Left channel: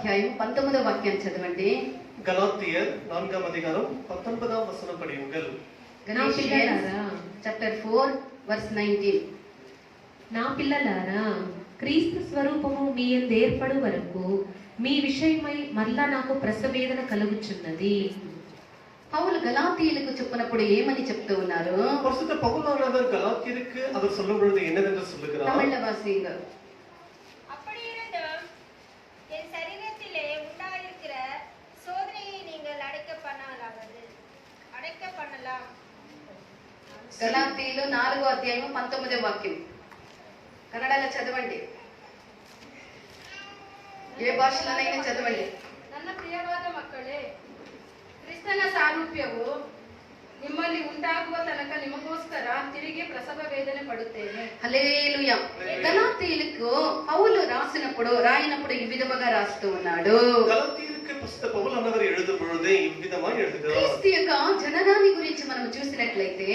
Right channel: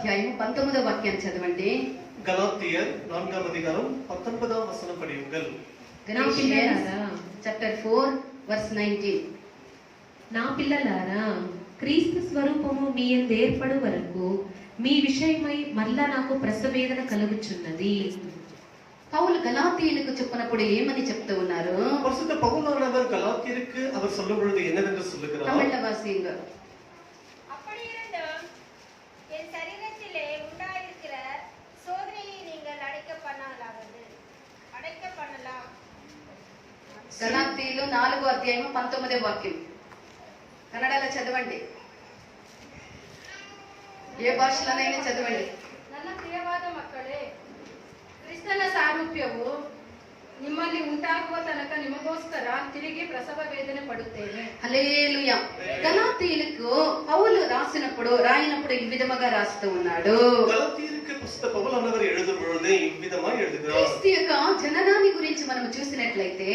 అధ్యాయం 19వ వాక్యం చదవండి. గలాతీయర్ 4వ అధ్యాయం 19వ వచనం படியுங்கள். Galatians chapter 4 verse 19. నా పిల్లలారా, క్రీస్తు స్వరూపము మీ యందు ఏర్పడు వరకు మీ విషయమై మళ్ళా నాకు ప్రసవేదన కలుగుచున్నది. పౌలు గలాతీయులకు చెప్పినప్పుడు ఏమని చెప్తూ ఉన్నారు? பரிசுத்த பவுலானவர் கலாத்தியருக்கு அவர் சொல்லும் பொழுது என்னவென்று சொல்லுகிறார்? தமிழ்ல வாசிங்க. அப்படி இருந்தும் என் சரீரத்திலே உண்டாயிருக்கிற சோதனையை நீங்கள் அடைக்க பண்ணலாம். గలాతీయులు 4వ అధ్యాయం 19వ వాక్యం. కన్నడలో చదవండి, ఏ భాషలోనైనా చదవండి. ನನ್ನ ಪ್ರಿಯವಾದ ಮಕ್ಕಳೇ, ಕ್ರಿಸ್ತನ ಸಾರೂಪ್ಯವು ನಿಮ್ಮಲ್ಲಿ ಉಂಟಾಗುವ ತನಕ ನಿಮಗೋಸ್ಕರ ತಿರುಗಿ ಪ್ರಸವ ವೇದನೆ ಪಡುತ್ತೇನೆ. హల్లెలూయా. గలాతీయులకు పౌలు రాయినప్పుడు ఈ విధముగా రాస్తూ ఉన్నాడు. గలాతీయులకు పరిశుద్ధ పౌలానவர் எழுதும் பொழுது இவ்விதமாய் எழுதுகிறார். క్రీస్తు యొక్క జననాన్ని గురించి మనం చూసినట్లయితే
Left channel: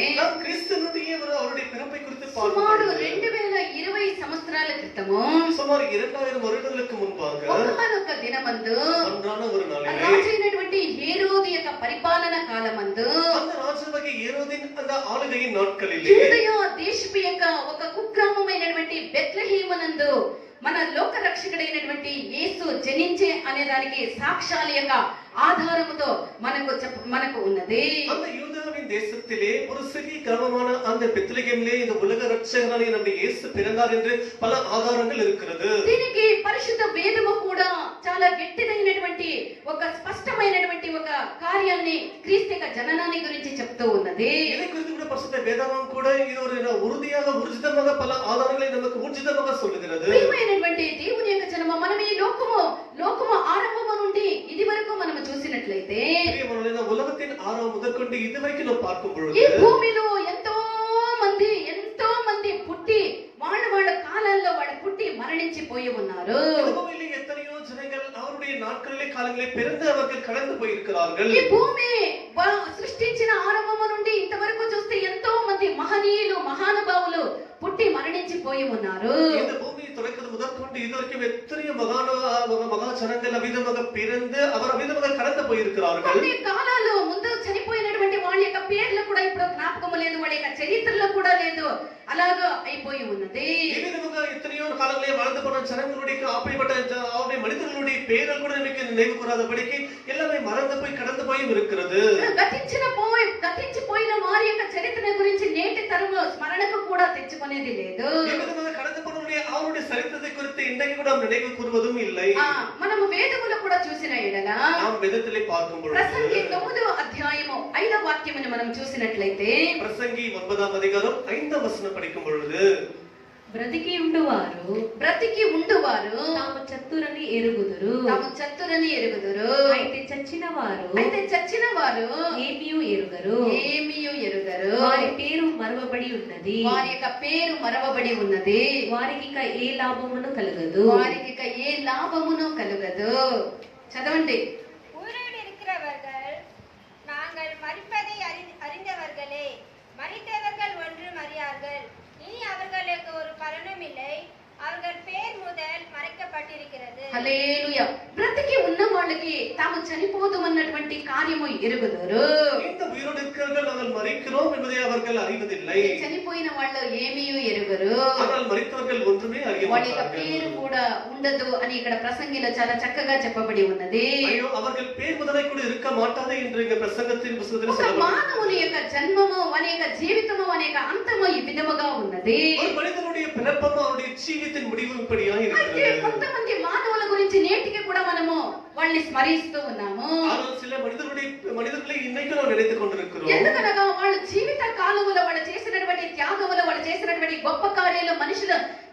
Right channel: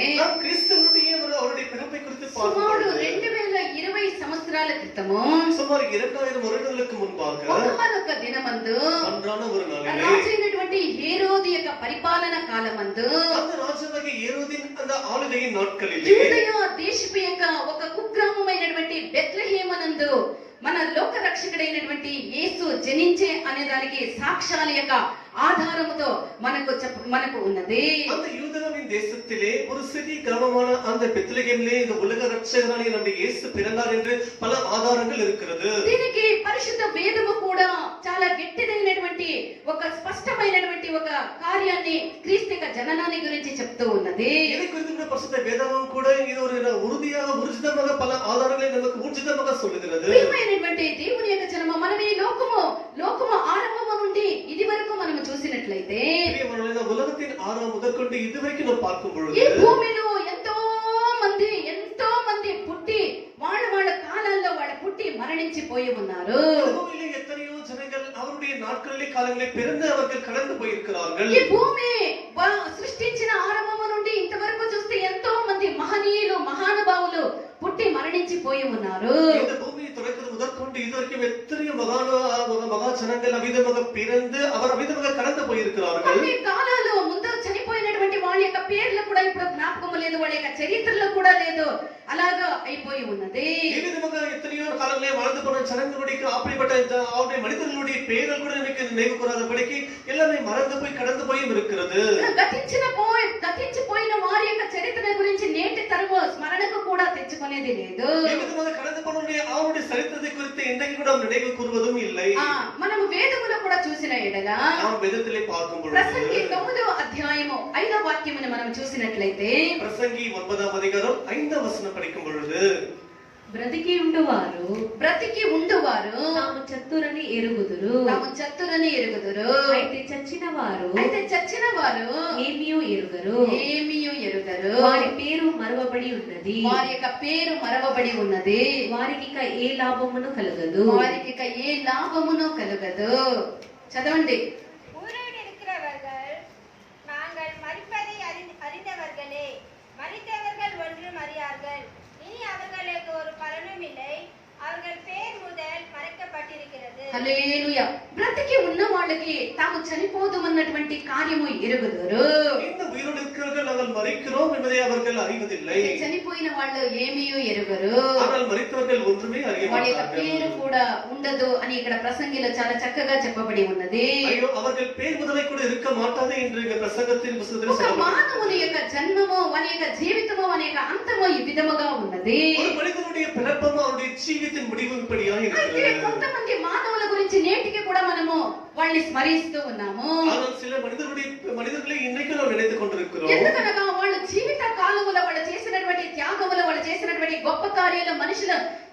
క్రీస్తునుடைய அவருடைய பிறப்பை குறித்து సుమారు 2020 సంవత్సరాల క్రితము, సుమారు 2000 வருடங்களுக்கு முன்பாக ఒకానొక దినమందు ஒன்றான ஒரு நாளிலே రాజైనటువంటి హేరోదు యొక్క పరిపాలన కాలమందు, அந்த ராஜாவாகிய ஹேரோதின் அந்த ஆளுகையின் நாட்களிலே యూదయ దేశపు యొక్క ఒక కుగ్రామమైనటువంటి బెత్లెహేమునందు మన లోక రక్షకుడైనటువంటి యేసు జనించే అనే దానికి సాక్ష్యాల యొక్క ఆధారముతో మనకు ఉన్నది. அந்த யூதேயாவின் தேசத்திலே ஒரு சிறிய கிராமமான அந்த பெத்லெகேமிலே இந்த உலக ரட்சகராகிய நம்முடைய இயேசு பிறந்தார் என்று பல ఆధారాలు இருக்கிறது. దీనికి పరిశుద్ధ వేదము కూడా చాలా గట్టిదైనటువంటి ఒక స్పష్టమైనటువంటి ఒక కార్యాన్ని క్రీస్తు యొక్క జననాన్ని గురించి చెప్తూ ఉన్నది. இதை குறித்து கூட பரிசுத்த வேதமும் கூட இது ஒரு உறுதியாக ஊர்ஜிதமாக பல ஆதாரங்களை நமக்கு ஊர்ஜிதமாக சொல்லுகிறது. ప్రియమైనటువంటి దేవుని యొక్క జనము, మనం ఈ లోకము ఆరంభము నుండి ఇది వరకు మనం చూసినట్లయితే உலகத்தின் ஆரம்பம் முதற்கொண்டு இதுவரைக்கும் நாம் பார்க்கும் பொழுது ఈ భూమిలో ఎంతో మంది పుట్టి వాళ్ళ కాలాల్లో పుట్టి మరణించిపోయి ఉన్నారు. பூமியிலே எத்தனையோ ஜனங்கள் அவருடைய நாட்களிலே காலங்களிலே பிறந்து அவர்கள் கடந்து போயிருக்கிறார்கள். ఈ భూమి సృష్టించిన ఆరంభము నుండి ఇంతవరకు చూస్తే ఎంతో మంది మహనీయులు మహానుభావులు పుట్టి మరణించిపోయి ఉన్నారు. இந்த பூமியை தொடக்கிறது முதற்கொண்டு இதுவரைக்கும் எத்தனையோ மகா ஜனங்கள் அவிதமாக பிறந்து அவர் அவிதமாக கடந்து போயிருக்கிறார்கள். కొన్ని కాలాలు ముందు చనిపోయినటువంటి వాళ్ళ యొక్క పేర్లు కూడా ఇప్పుడు జ్ఞాపకం లేదు, వాళ్ళ యొక్క చరిత్రలో కూడా లేదు, అలాగా అయిపోయి ఉన్నది. ఈ విధంగా ఎత్తனையோ కాలంలో வாழ்ந்து போன ஜனங்களுடைய அப்படிப்பட்ட அவருடைய மனிதர்களுடைய பெயர்கள் கூட எனக்கு நினைவு கூறாதபடிக்கு எல்லாமே மறந்து போய் கடந்து போயும் இருக்கிறது. గతించిపోయిన వారి యొక్క చరిత్ర గురించి నేటి తరము స్మరణకు కూడా తెచ్చుకునేది లేదు. ఈ విధంగా கடந்து போனவருடைய அவருடைய சரித்திரத்தை குறித்து இன்றைக்கு கூட நினைவு கூறுவதும் இல்லை. మనం వేదములో కూడా చూసిన ఎడలా நாம் வேதத்திலே பார்க்கும் பொழுது ప్రసంగి 9వ అధ్యాయము 5వ వాక్యమును మనం చూసినట్లయితే, ప్రసంగి 9వ అధ్యాయం 5వ వచనం படிக்கும் பொழுது, బ్రతికి ఉండువారు తాము చతురని ఎరుగుదురు, అయితే చచ్చిన వారు ఏమియు ఎరుగరు, వారి పేరు మరవబడి ఉన్నది, వారి యొక్క పేరు మరవబడి ఉన్నది, వారికి ఇక ఏ లాభమును కలగదు. చదవండి. உயிரோடு இருக்கிறவர்கள் நாங்கள் மரிப்பதை அறிந்தவர்களே, மரித்தவர்கள் ஒன்றும் அறியார்கள். இனி அவர்களுக்கு ஒரு பலனும் இல்லை, அவர்கள் பேர் முதல் மறைக்கப்பட்டிருக்கிறது. హల్లెలూయా. బ్రతికి ఉన్న వాళ్ళకి తాము చనిపోదుమన్నటువంటి కార్యము ఎరుగుదురు. இந்த உயிரோடு இருக்கிறவர்கள் நாங்கள் மரிக்கிறோம் என்பதை அவர்கள் அறிவதில்லை. చనిపోయిన వాళ్ళు ఏమీయూ ఎరుగరు, ஆனால் మరిத்தவர்கள் ஒன்றுமே அறிய వాళ్ళ యొక్క மாட்டார்கள். పేరు కూడా ఉండదు అని ఇక్కడ ప్రసంగిలో చాలా చక్కగా చెప్పబడి ఉన్నది. ஐயோ, அவர்கள் பேர் முதலை கூட இருக்க மாட்டாது என்று இந்த பிரசங்கத்தின் புத்தகத்தில் ఒక சொல்லப்பட்டிருக்கிறது. మానవుని యొక్క జన్మము, వాని యొక్క జీవితము, వాని యొక్క అంతము ఈ విధముగా ఉన్నది. ஒரு மனிதனுடைய பிறப்பும் அவருடைய ஜீவித்தின் முடிவும் இப்படியாக అయితే இருக்கிறது. కొంతమంది మానవుల గురించి నేటికి కూడా మనము వాళ్ళని స్మరిస్తూ ఉన్నాము. ஆனால் சில மனிதர்களை இன்னைக்கு நாம் நினைத்துக் கொண்டிருக்கிறோம். ఎందుకనగా వాళ్ళ జీవిత కాలములో వాళ్ళు చేసినటువంటి త్యాగములు, వాళ్ళు చేసినటువంటి గొప్ప కార్యాలు,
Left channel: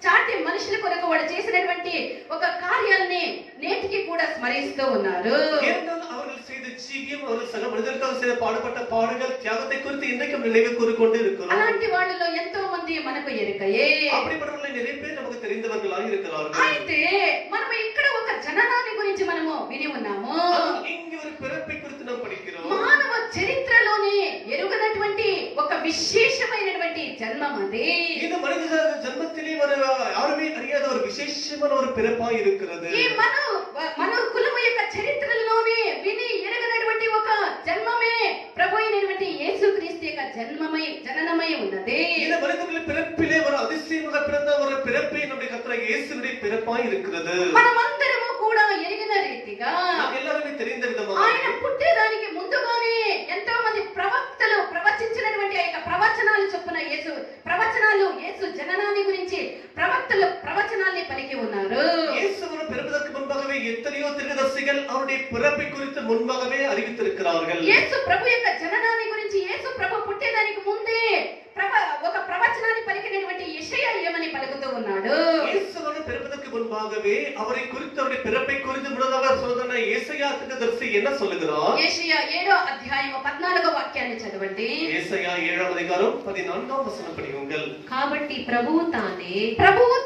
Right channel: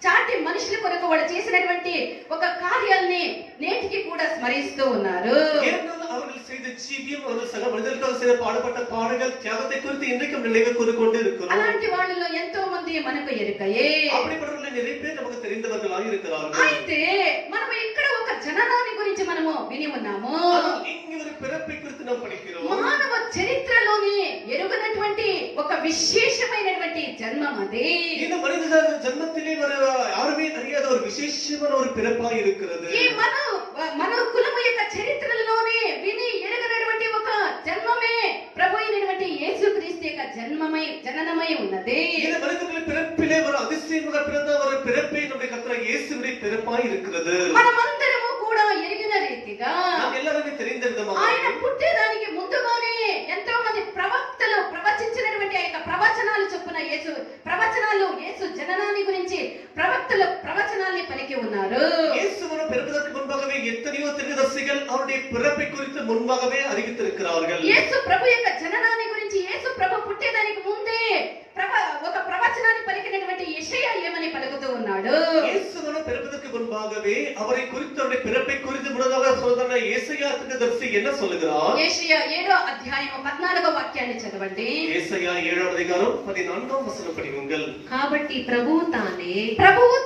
చాటి మనుషుల కొరకు వాళ్ళు చేసినటువంటి ఒక కార్యాలని నేటికి కూడా స్మరిస్తూ ఉన్నారు. ஏனென்றால் அவர்கள் செய்த ஜீவியம், அவர்கள் சக மனிதர்களுக்காக செய்த பாடுபட்ட பாடுகள், தியாகத்தை குறித்து இன்றைக்கும் நினைவு கூறிக்கொண்டு இருக்கிறோம். అలాంటి వాళ్ళలో ఎంతో మంది మనకు ఎరుకయే. அப்படிப்பட்டவர்களை நிறைய பேர் நமக்கு தெரிந்தவர்களாக இருக்கிறார்கள். అయితే మనం ఇక్కడ ఒక జననాన్ని గురించి మనము విని ఉన్నాము. இங்கே ஒரு பிறப்பை குறித்து நாம் படிக்கிறோம். మానవ చరిత్రలోనే ఎరుగనటువంటి ఒక విశేషమైనటువంటి జన్మం అది. இந்த மனித ஜன்மத்திலே யாருமே அறியாத ஒரு விசேஷமான ஒரு பிறப்பாக இருக்கிறது. ఈ మన కులం ఉన్నది. இந்த மனிதர்களின் பிறப்பிலே ஒரு அதிசயமாக பிறந்த ஒரு பிறப்பே நம்முடைய கர்த்தராகிய இயேசுவினுடைய பிறப்பாய் இருக்கிறது. మనమందరము కూడా ఎరిగిన రీతిగా நமக்கு எல்லாருமே தெரிந்த விதமாக ఆయన పుట్టేదానికి ముందుగానే ఎంతో మంది ప్రవక్తలు ప్రవచించినటువంటి ఆ యొక్క ప్రవచనాలు చొప్పున యేసు జననాన్ని గురించి ప్రవక్తలు ప్రవచనాల్ని పలికి ఉన్నారు. இயேசுவின் பிறப்பதற்கு முன்பாகவே எத்தனையோ தீர்க்கதரிசிகள் அவருடைய பிறப்பை குறித்து முன்பாகவே அறிவித்திருக்கிறார்கள். యేసు ప్రభు యొక్క జననాన్ని గురించి యేసు ప్రభు పుట్టేదానికి ముందే ఒక ప్రవచనాన్ని పలికినటువంటి యెషయా ఏమని పలుకుతూ ఉన్నాడు? இயேசுவின் பிறப்பதற்கு முன்பாகவே அவரை குறித்து அவருடைய பிறப்பை குறித்து முன்னதாக சொன்ன ஏசாயா தீர்க்கதரிசி என்ன சொல்லுகிறார்? యెషయా 7వ అధ్యాయం 14వ వాక్యాన్ని చదవండి. ஏசாயா 7వ అధ్యాయం 14వ వచనం படியுங்கள். కాబట్టి ప్రభువు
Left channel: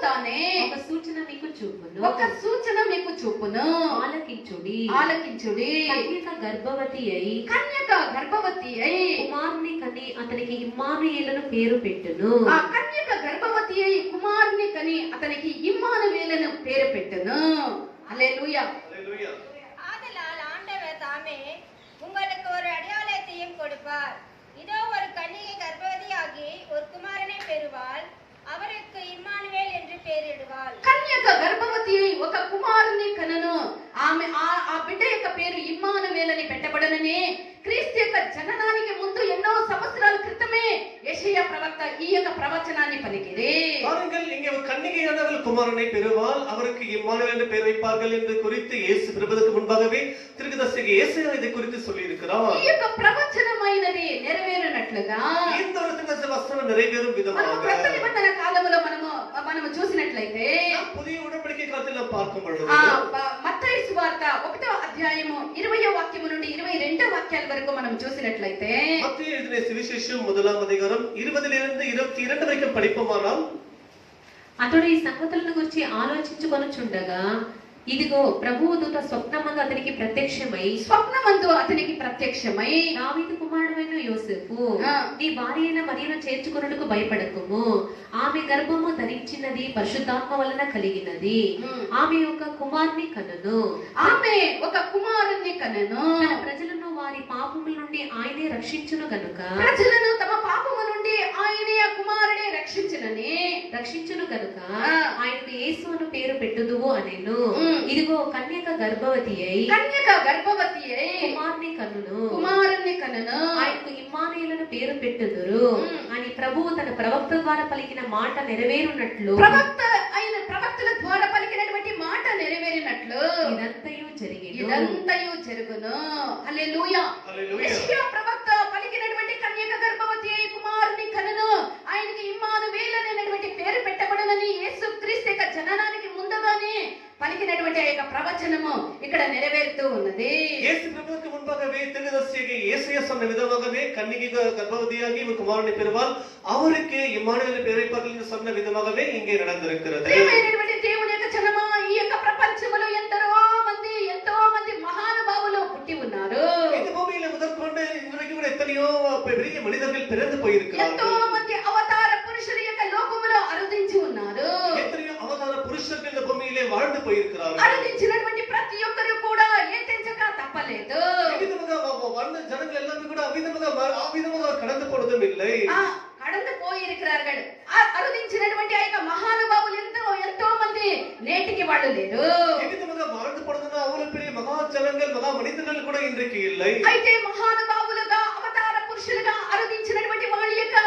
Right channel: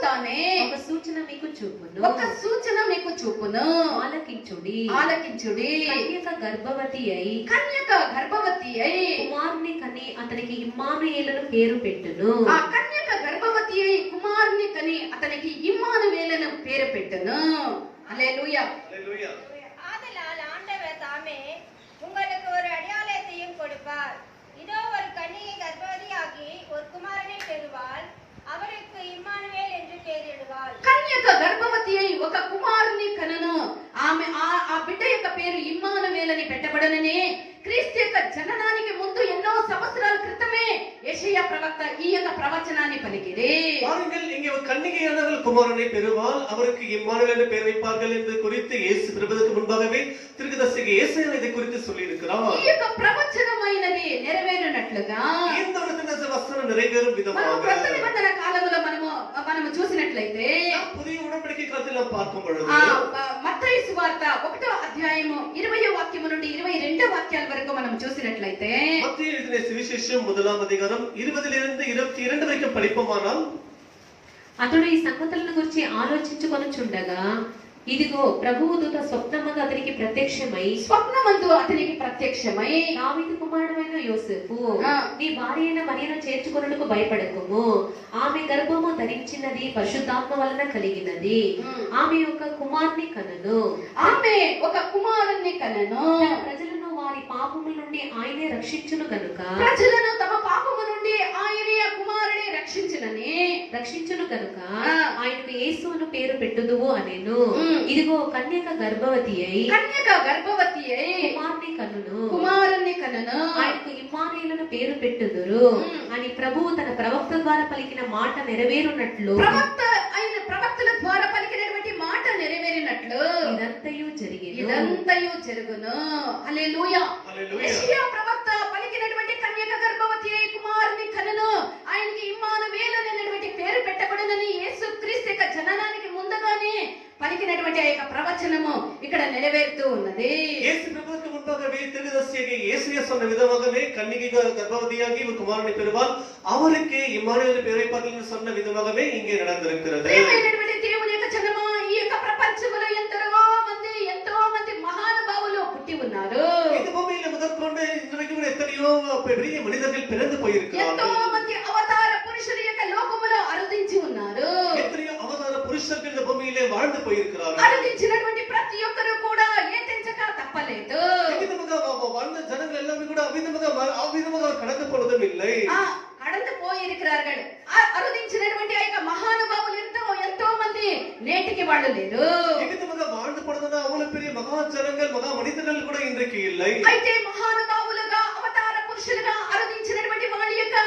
తానే ఒక సూచన మీకు చూపును, ఒక సూచన మీకు చూపును, ఆలకించుడి. కన్యక గర్భవతి అయి కుమారుని కని అతనికి ఇమ్మానుయేలును పేరు పెట్టును. ఆ కన్యక గర్భవతి అయి కుమారుని కని అతనికి ఇమ్మానుయేలును పేరు పెట్టును. హల్లెలూయా. ஹல்லேலூயா. ஆதலால் ஆண்டவர் தாமே உங்களுக்கு ஒரு அடையாளத்தையும் கொடுப்பார். இதோ ஒரு கன்னிகை கர்ப்பவதியாகி ஒரு குமாரனை பெறுவாள். அவருக்கு இம்மானுவேல் என்று பெயரிடுவாள். కన్యక గర్భవతి అయి ఒక కుమారుని కనును. ఆమె ఆ బిడ్డ యొక్క పేరు ఇమ్మానువేల్ అని పెట్టబడనని క్రీస్తు యొక్క జననానికి ముందు ఎన్నో సంవత్సరాల క్రితమే యెషయా ప్రవక్త ఈ యొక్క ప్రవచనాన్ని పలికిరే. பாருங்கள், இங்கே ஒரு கன்னிகையானவள் குமாரனை பெறுவாள், அவருக்கு இம்மானுவேல் என்று பெயர் வைப்பார்கள் என்பது குறித்து இயேசு பிறப்பதற்கு முன்பாகவே தீர்க்கதரிசி ஏசாயா இதை குறித்து சொல்லி இருக்கிறார். ఈ యొక్క ప్రవచనమైనది నెరవేరినట్లుగా இந்த ஒரு தீர்க்கதரிசி வசனம் நிறைவேறும் விதமாக క్రొత్త నిబంధన కాలంలో మనము చూసినట్లయితే புதிய உடன்படிக்கை காலத்தில் நாம் பார்க்கும் பொழுது మత్తయి సువార్త 1వ అధ్యాయము 20వ వాక్యము నుండి 22వ వాక్యాల వరకు మనం చూసినట్లయితే மத்தேயு எழுதின சுவிசேஷம் 1వ అధ్యాయం 20லிருந்து 22 వరకు படிப்போமானால் అతడు ఈ సంగతులను గురించి ఆలోచించుకొనుచుండగా ఇదిగో ప్రభువు దూత స్వప్నముగా అతనికి ప్రత్యక్షమై స్వప్నమందు అతనికి ప్రత్యక్షమై దావీదు కుమారుడైన యోసేపు, నీ భార్య అయిన మరియను చేర్చుకొనుటకు భయపడకుము. ఆమె గర్భము ధరించినది పరిశుద్ధాత్మ వలన కలిగినది. ఆమె ఒక కుమారుని కనును. తన ప్రజలను వారి పాపముల నుండి ఆయనే రక్షించును గనుక ప్రజలను తమ పాపము నుండి ఆయనే కుమారుడే రక్షించును గనుక ఆయనకు యేసు అను పేరు పెట్టుదువు అనేను. ఇదిగో కన్యక గర్భవతి అయి కుమారుని కనును. ఆయనకు ఇమ్మానుయేలును పేరు పెట్టుదురు అని ప్రభువు తన ప్రవక్త ద్వారా పలికిన మాట నెరవేరునట్లు ప్రవక్తల ద్వారా పలికినటువంటి మాట నెరవేరినట్లు ఇదంతయు జరుగును. హల్లెలూయా. యెషయా ప్రవక్త పలికినటువంటి కన్యక గర్భవతి అయి కుమారుని కనును. ఆయనకి ఇమ్మానుయేలు అనేటువంటి పేరు పెట్టబడనని యేసు క్రీస్తు యొక్క జననానికి ముందుగానే పలికినటువంటి ఆ యొక్క ప్రవచనము ఇక్కడ నెరవేరుతూ ఉన్నది. இயேசு பிறப்பதற்கு முன்பாகவே தீர்க்கதரிசி ஏசாயா சொன்ன விதமாகவே கன்னிகை கர்ப்பவதியாகி ஒரு குமாரனை பெறுவாள், அவருக்கு இம்மானுவேல் பெயர் வைப்பார்கள் என்று சொன்ன விதமாகவே இங்கே நடந்திருக்கிறது. ప్రియమైనటువంటి దేవుని యొక్క జనమా, ఈ యొక్క ప్రపంచంలో ఎంతో మంది మహానుభావులు పుట్టి ఉన్నారు. இந்த பூமியில முதற்கொண்டு இன்றைக்கு கூட எத்தனையோ பெரிய மனிதர்கள் பிறந்து போயிருக்கிறார்கள். ఎంతో మంది అవతార పురుషుల యొక్క లోకములో అరుదించి ఉన్నారు. எத்தனையோ அவதார புருஷர்கள் இந்த பூமியிலே வாழ்ந்து போயிருக்கிறார்கள். అరుదించినటువంటి ప్రతి ఒక్కరు కూడా ఏతించక తప్పలేదు. வாழ்ந்த ஜனங்கள் எல்லாமே கூட அவ்விதமாக கடந்து போனதும் இல்லை. கடந்து போயிருக்கிறார்கள். అరుదించినటువంటి ఆ యొక్క మహానుభావులు ఎంతో మంది నేటికి వాళ్ళు లేరు. எவ்விதமாக வாழ்ந்து போனதுன்னா அவ்வளவு பெரிய மகா ஜனங்கள் மகா மனிதர்கள் கூட இன்றைக்கு இல்லை. అయితే మహానుభావులుగా అవతార పురుషులుగా అరుదించినటువంటి వాళ్ళ యొక్క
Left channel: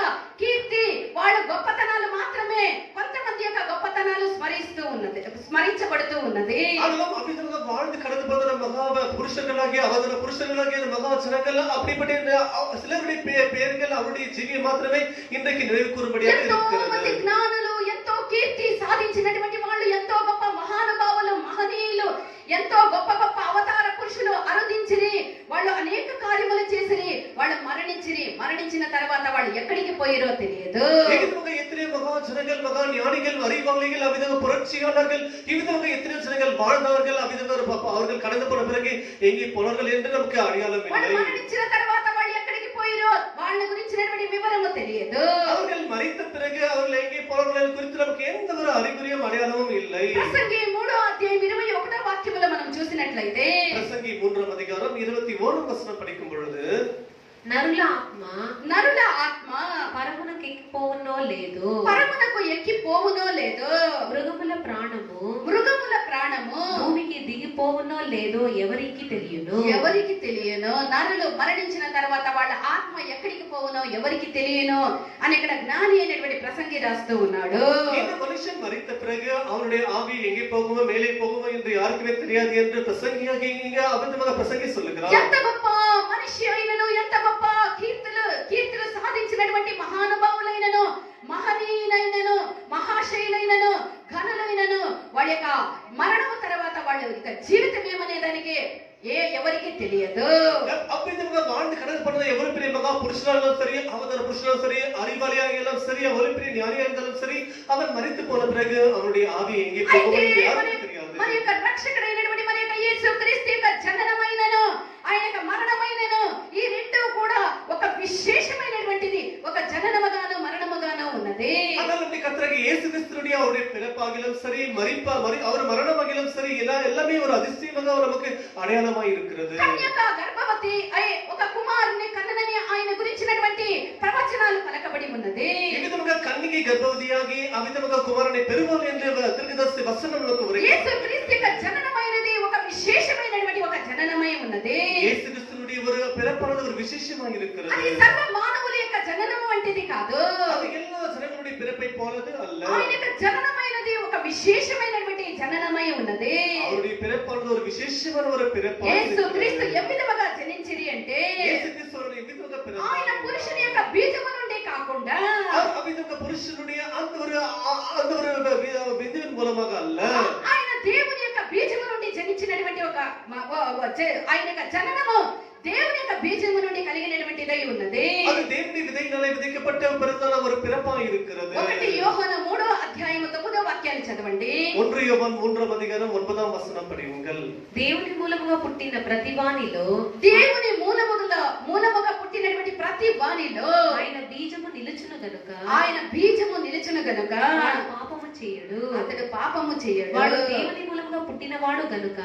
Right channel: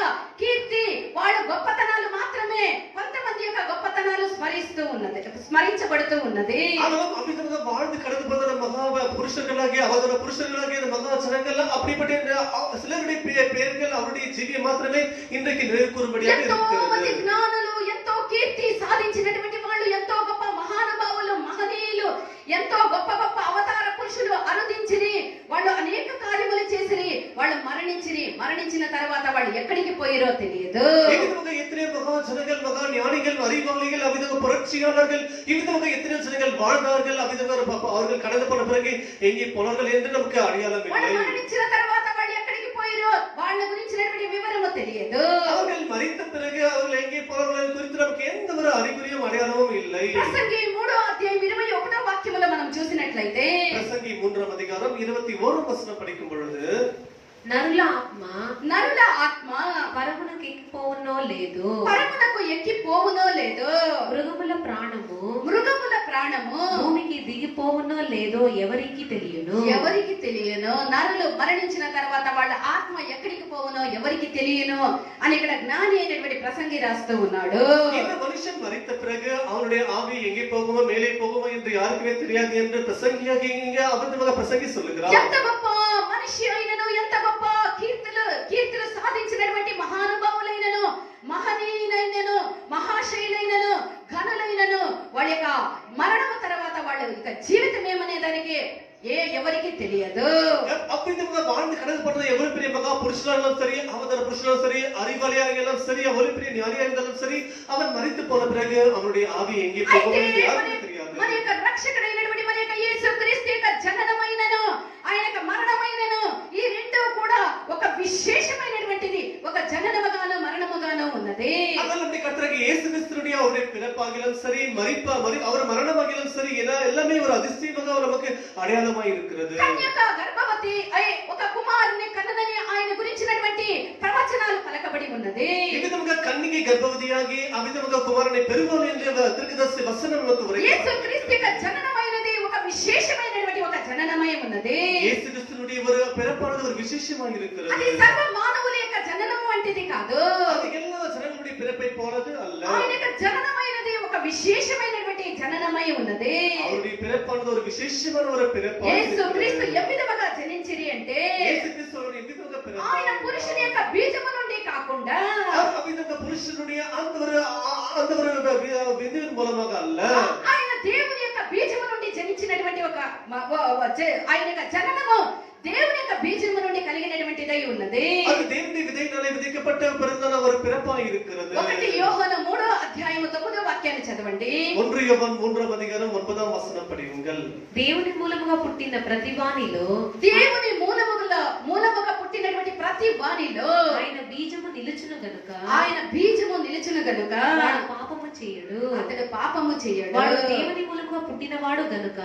కీర్తి, వాళ్ళ గొప్పతనాలు మాత్రమే కొంతమంది యొక్క గొప్పతనాలు స్మరించబడుతూ ఉన్నది. ஆனாலும் அவ்விதமாக வாழ்ந்து கடந்து போன மகா புருஷர்களாகிய அவதார புருஷர்களாகிய மகா ஜனங்கள் அப்படிப்பட்ட சிலருடைய பெயர்கள் அவருடைய ஜீவியம் மாத்திரமே இன்றைக்கு நினைவு கூறும்படியாக இருக்கிறது. జ్ఞానులు ఎంతో కీర్తి సాధించినటువంటి వాళ్ళు, ఎంతో గొప్ప మహానుభావులు, మహనీయులు, ఎంతో గొప్ప అవతార పురుషులు అరుదించిరి. వాళ్ళు అనేక కార్యములు చేసిరి. వాళ్ళు మరణించిన తర్వాత వాళ్ళు ఎక్కడికి పోయిరో తెలియదు. எத்தனை மகா ஜனங்கள், மகா ஞானிகள், அறிவாளிகள், அவ்விதமாக புரட்சியாளர்கள், இவ்விதமாக எத்தனை ஜனங்கள் வாழ்ந்தார்கள், அவ்விதமாக அவர்கள் கடந்து போன பிறகு எங்கே போனார்கள் என்று நமக்கு அடையாளம் இல்லை. మరణించిన తర్వాత వాళ్ళు ఎక్కడికి పోయిరో వాళ్ళ గురించినటువంటి వివరము తెలియదు. அவர்கள் மரித்த பிறகு அவர்கள் எங்கே போனார்கள் குறித்து நமக்கு எந்த ஒரு அறிகுறியும் அடையாளமும் இல்லை. ప్రసంగి 3వ అధ్యాయం 21వ వాక్యములో మనం చూసినట్లయితే பிரசங்கி 3వ அதிகாரம் 21వ వచనం படிக்கும் பொழுது నరుల ఆత్మ పరమునకి లేదు, పరమునకు ఎక్కి పోవునో లేదో, మృగముల ప్రాణము మృగముల ప్రాణము భూమికి దిగిపోవునో లేదో ఎవరికి తెలియను. ఎవరికి తెలియను. నరులు మరణించిన తర్వాత వాళ్ళ ఆత్మ ఎక్కడికి పోవునో ఎవరికి తెలియను అని ఇక్కడ జ్ఞాని అయినటువంటి ప్రసంగి రాస్తూ ఉన్నాడు. இந்த மனுஷன் மரித்த பிறகு அவனுடைய ஆவி எங்கே போகுமோ மேலே போகுமோ என்று யாருக்குமே தெரியாது என்று பிரசங்கியாக இங்க அபத்தமாக பிரசங்கி சொல்லுகிறார். ఎంత గొప్ప మనిషి అయినను, ఎంత గొప్ప కీర్తులు సాధించినటువంటి మహానుభావులైనను, మహనీయులైనను, మహాశైలైనను, ఘనులైనను వాళ్ళ యొక్క మరణము తర్వాత వాళ్ళ యొక్క జీవితం ఏమనే దానికి ఎవరికి తెలియదు. அவ்விதமாக வாழ்ந்து கடந்து போனது எவ்வளவு பெரிய மகா புருஷனாலும் சரி, அவதார புருஷனாலும் சரி, அறிவாளியாக இருந்தாலும் சரி, எவ்வளவு பெரிய ஞானியாக இருந்தாலும் சரி, அவன் மரித்து போன பிறகு அவனுடைய ஆவி எங்கே போகும் என்று யாருக்கும் தெரியாது. మన యొక్క రక్షకుడైనటువంటి మన యొక్క యేసుక్రీస్తు యొక్క జననమైనను ఆయన యొక్క మరణమైనను ఈ రెండు కూడా ఒక విశేషమైనటువంటిది, ఒక జననముగాను మరణముగాను ఉన్నది. அதனால நம்முடைய கர்த்தராகிய இயேசு கிறிஸ்துவினுடைய அவருடைய பிறப்பாகிலும் சரி, அவர் மரணமாகிலும் சரி, எல்லாமே ஒரு அதிசயமாக நமக்கு அடையாளமாய் இருக்கிறது. కన్యక గర్భవతి అయి ఒక కుమారుని కన్నదని ఆయన గురించినటువంటి ప్రవచనాలు పలకబడి ఉన్నది. இவ்விதமாக கன்னிகை கர்ப்பவதியாகி அவ்விதமாக குமாரனை பெறுவாள் என்ற தீர்க்கதரிசி வசனம் நமக்கு உரைக்கிறது. యేసుక్రీస్తు యొక్క జననమైనది ఒక విశేషమైనటువంటి ఒక జననమై ఉన్నది. இயேசு கிறிஸ்துவினுடைய ஒரு பிறப்பானது ஒரு விசேஷமாக இருக்கிறது. అది సర్వ మానవుల యొక్క జననం వంటిది కాదు. அது எல்லா ஜனங்களுடைய பிறப்பை போலது அல்ல. ఆయన యొక్క జననమైనది ఒక విశేషమైనటువంటి జననమై ఉన్నది. அவருடைய பிறப்பானது ஒரு விசேஷமான ஒரு பிறப்பாக యేసుక్రీస్తు ఏ విధముగా జనించిరి అంటే இயேசு கிறிஸ்துவோட எவ்விதமாக பிறந்தார். ఆయన పురుషుని యొక్క బీజము నుండి కాకుండా அவ்விதமாக புருஷனுடைய அந்த ஒரு விதியின் மூலமாக அல்ல, ఆయన దేవుని యొక్క బీజము నుండి జనించినటువంటి ఒక ఆయన యొక్క జననము దేవుని యొక్క బీజము నుండి కలిగినటువంటిదై ఉన్నది. அது தேவனுடைய விதையினாலே விதைக்கப்பட்ட பிறந்தான ஒரு பிறப்பாக இருக்கிறது. 1 యోహాను 3వ అధ్యాయము 9వ వాక్యాన్ని చదవండి. 1 யோவான் 3వ அதிகாரம் 9వ వచనం படியுங்கள். దేవుని మూలముగా పుట్టిన ప్రతి వానిలో, దేవుని మూలముగా పుట్టినటువంటి ప్రతి వానిలో ఆయన బీజము నిలుచును గనుక, ఆయన బీజము నిలుచును గనుక వాడు పాపము చేయడు. అతడు పాపము చేయడు. వాడు దేవుని మూలముగా పుట్టినవాడు గనుక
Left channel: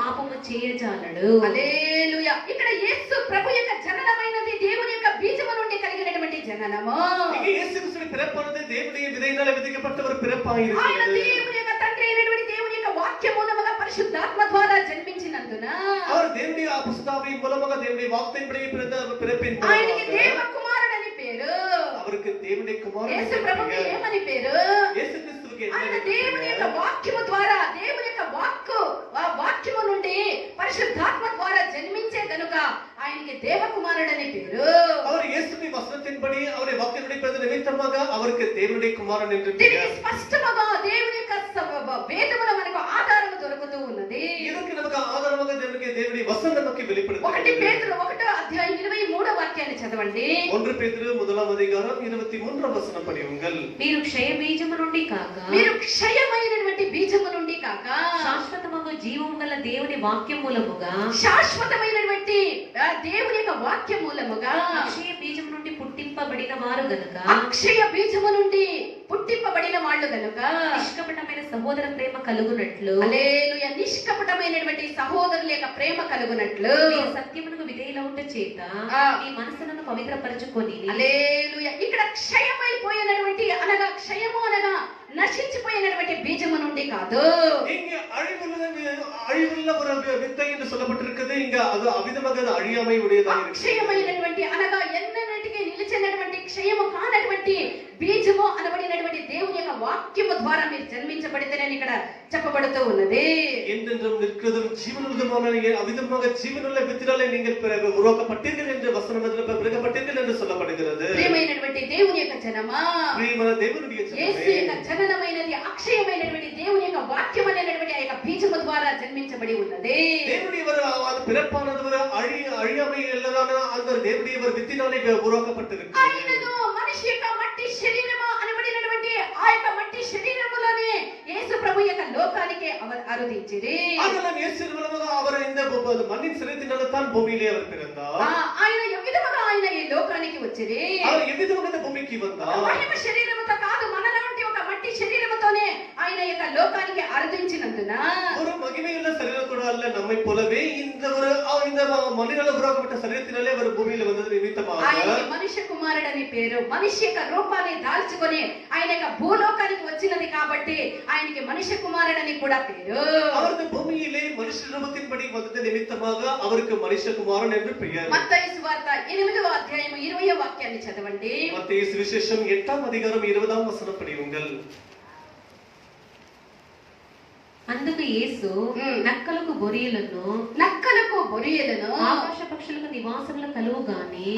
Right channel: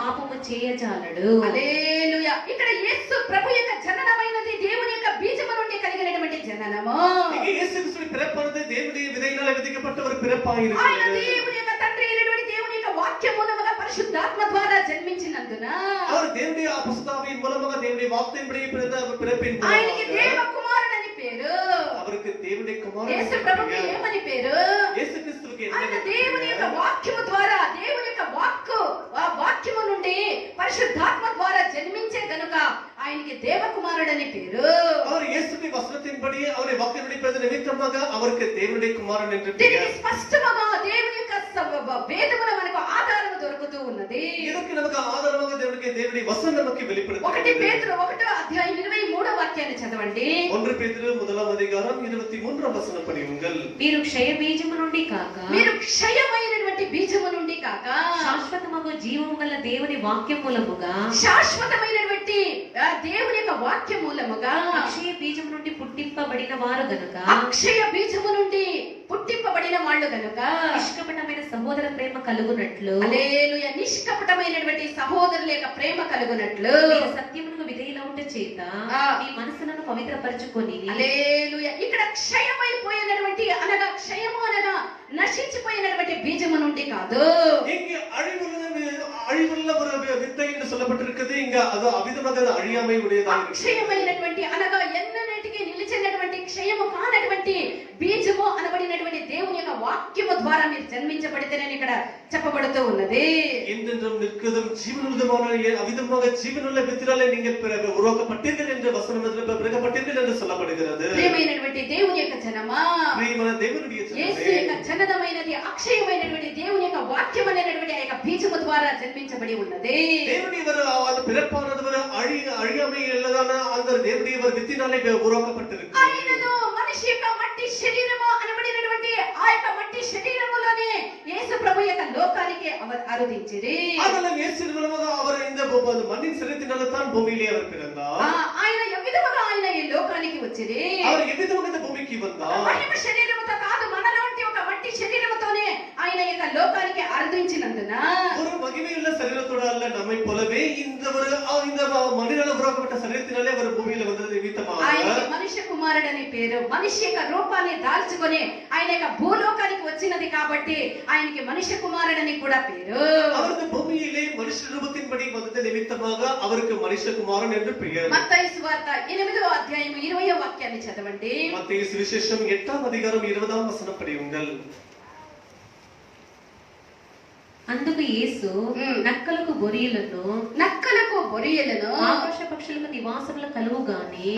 పాపము చేయజాలడు. హల్లెలూయా. ఇక్కడ యేసు ప్రభు యొక్క జననమైనది దేవుని యొక్క బీజము నుండి కలిగినటువంటి జననము. இங்கே இயேசு கிறிஸ்துவின் பிறப்பானது தேவனுடைய விதையினாலே விதைக்கப்பட்ட ஒரு பிறப்பாக ఆయన இருக்கிறது. దేవుని యొక్క తండ్రి అయినటువంటి దేవుని యొక్క వాక్య మూలముగా పరిశుద్ధాత్మ ద్వారా జన్మించినందున அவர் தேவனுடைய பரிசுத்தாவியின் மூலமாக தேவனுடைய வார்த்தையின்படி பிறந்த பிறப்பின் ఆయనకి மூலமாக దేవ కుమారుడని పేరు. அவருக்கு தேவனுடைய குமாரன் యేసు என்று ప్రభుకి பெயர். ఏమని పేరు? இயேசு கிறிஸ்துவுக்கு ఆయన என்ன దేవుని యొక్క பெயர்? వాక్యము ద్వారా, దేవుని యొక్క వాక్యము నుండి పరిశుద్ధాత్మ ద్వారా జన్మించే గనుక ఆయనకి దేవకుమారుడని పేరు. அவர் இயேசுவின் வசனத்தின்படி அவருடைய வாக்கினுடைய பிறந்த நிமித்தமாக அவருக்கு தேவனுடைய குமாரன் என்று దీనికి பெயர். స్పష్టముగా దేవుని యొక్క వేదమున మనకు ఆధారము దొరుకుతూ ఉన్నది. இதற்கு நமக்கு ஆதாரமாக தேவனுடைய வசனம் நமக்கு 1 வெளிப்படுத்துகிறது. పేతురు 1వ అధ్యాయం 23వ వాక్యాన్ని చదవండి. 1 பேதுரு 1వ அதிகாரம் 23వ వచనం படியுங்கள். మీరు క్షయ బీజము నుండి కాక, మీరు క్షయమైనటువంటి బీజము నుండి కాక శాశ్వతమగు జీవము గల దేవుని వాక్యం మూలముగా, శాశ్వతమైనటువంటి దేవుని యొక్క వాక్య మూలముగా అక్షయ బీజము నుండి పుట్టింపబడిన వారు గనుక, అక్షయ బీజము నుండి పుట్టింపబడిన వాళ్ళు గనుక నిష్కపటమైన సహోదర ప్రేమ కలుగునట్లు, హల్లెలూయా, నిష్కపటమైనటువంటి సహోదరుల యొక్క ప్రేమ కలుగునట్లు మీరు సత్యమునకు విధేయులవుట చేత మీ మనసులను పవిత్రపరచుకొని, హల్లెలూయా. ఇక్కడ క్షయమైపోయినటువంటి క్షయము అనగా నశించిపోయినటువంటి బీజము నుండి కాదు. இங்கே அழிவுள்ள ஒரு வித்தை என்று சொல்லப்பட்டிருக்கிறது. இங்க அது அவிதமாக அது அழியாமை உடையதாக இருக்கிறது. అక్షయమైనటువంటి అనగా ఎన్నటికీ నిలిచినటువంటి క్షయము కానటువంటి బీజము అనబడినటువంటి దేవుని యొక్క వాక్యము ద్వారా మీరు జన్మించబడితేనని ఇక్కడ చెప్పబడుతూ ఉన్నది. என்றென்றும் நிற்கிறதும் ஜீவனுள்ளதுமான அவிதமாக ஜீவனுள்ள வித்தினாலே நீங்கள் உருவாக்கப்பட்டீர்கள் என்ற வசனத்தில் பிறக்கப்பட்டீர்கள் என்று சொல்லப்படுகிறது. ప్రియమైనటువంటి దేవుని యొక్క జనమా, பிரியமான தேவனுடைய యేసు ஜனமே, యొక్క జననమైనది అక్షయమైనటువంటి దేవుని యొక్క వాక్యం అనేటువంటి ఆ యొక్క బీజము ద్వారా జన్మించబడి ఉన్నది. தேவனுடைய அது பிறப்பானது ஒரு அழியாமை உள்ளதான அந்த தேவனுடைய வித்தினாலே உருவாக்கப்பட்டிருக்கிறது. ఆయనను మనిషి యొక్క మట్టి శరీరము అనబడినటువంటి ఆ యొక్క మట్టి శరీరములోనే యేసు ప్రభు యొక్క లోకానికి ఆరాధించిరి. அதெல்லாம் இயேசு மூலமாக அவர் இந்த மண்ணின் சரீரத்தினால தான் பூமியிலே அவர் பிறந்தார். ఆయన ఏ విధముగా ఆయన ఈ లోకానికి వచ్చిరి? அவர் எவ்விதமாக இந்த பூமிக்கு வந்தார்? మహిమ శరీరముతో కాదు, మనలాంటి ఒక మట్టి శరీరముతోనే ఆయన యొక్క లోకానికి ఆరాధించినందున ஒரு மகிமையுள்ள சரீரத்தோட அல்ல, நம்மை போலவே இந்த மனிதனால உருவாக்கப்பட்ட சரீரத்தினாலே அவர் பூமியில வந்தது நிமித்தமாக ఆయన మనిషికు కుమారుడని పేరు. మనిషి యొక్క రూపాన్ని దాల్చుకొని ఆయన యొక్క భూలోకానికి వచ్చినది కాబట్టి ఆయనకి మనిషి కుమారుడని కూడా పేరు. அவரது பூமியிலே மனுஷ ரூபத்தின்படி வந்தது நிமித்தமாக அவருக்கு மனுஷகுமாரன் என்று பெயர். మత్తయి సువార్త 8వ అధ్యాయం 20వ వాక్యాన్ని చదవండి. மத்தேயு சுவிசேஷம் 8ஆம் அதிகாரம் 20ஆம் வசனம் படியுங்கள். అందుకు యేసు నక్కలకు బొరియలను ఆకాశ పక్షులకు నివాసములు కలువు గాని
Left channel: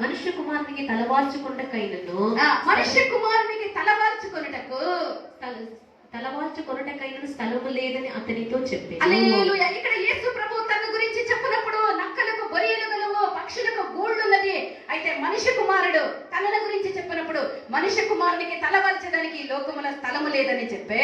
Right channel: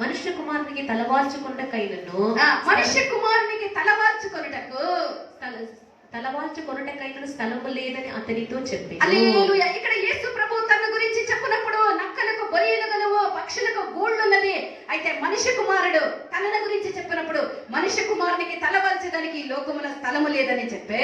మనుష్య కుమారునికి తలవాల్చుకొనుటకైనను స్థలము లేదని అతనితో చెప్పాడు. హల్లెలూయా. ఇక్కడ యేసు ప్రభు తన గురించి చెప్పినప్పుడు నక్కలకు బొరియలు గలవు, పక్షులకు గూళ్ళు ఉన్నది. అయితే మనిషి కుమారుడు తన గురించి చెప్పినప్పుడు మనిషి కుమారునికి తలవాల్చడానికి ఈ లోకములో స్థలము లేదని చెప్పే.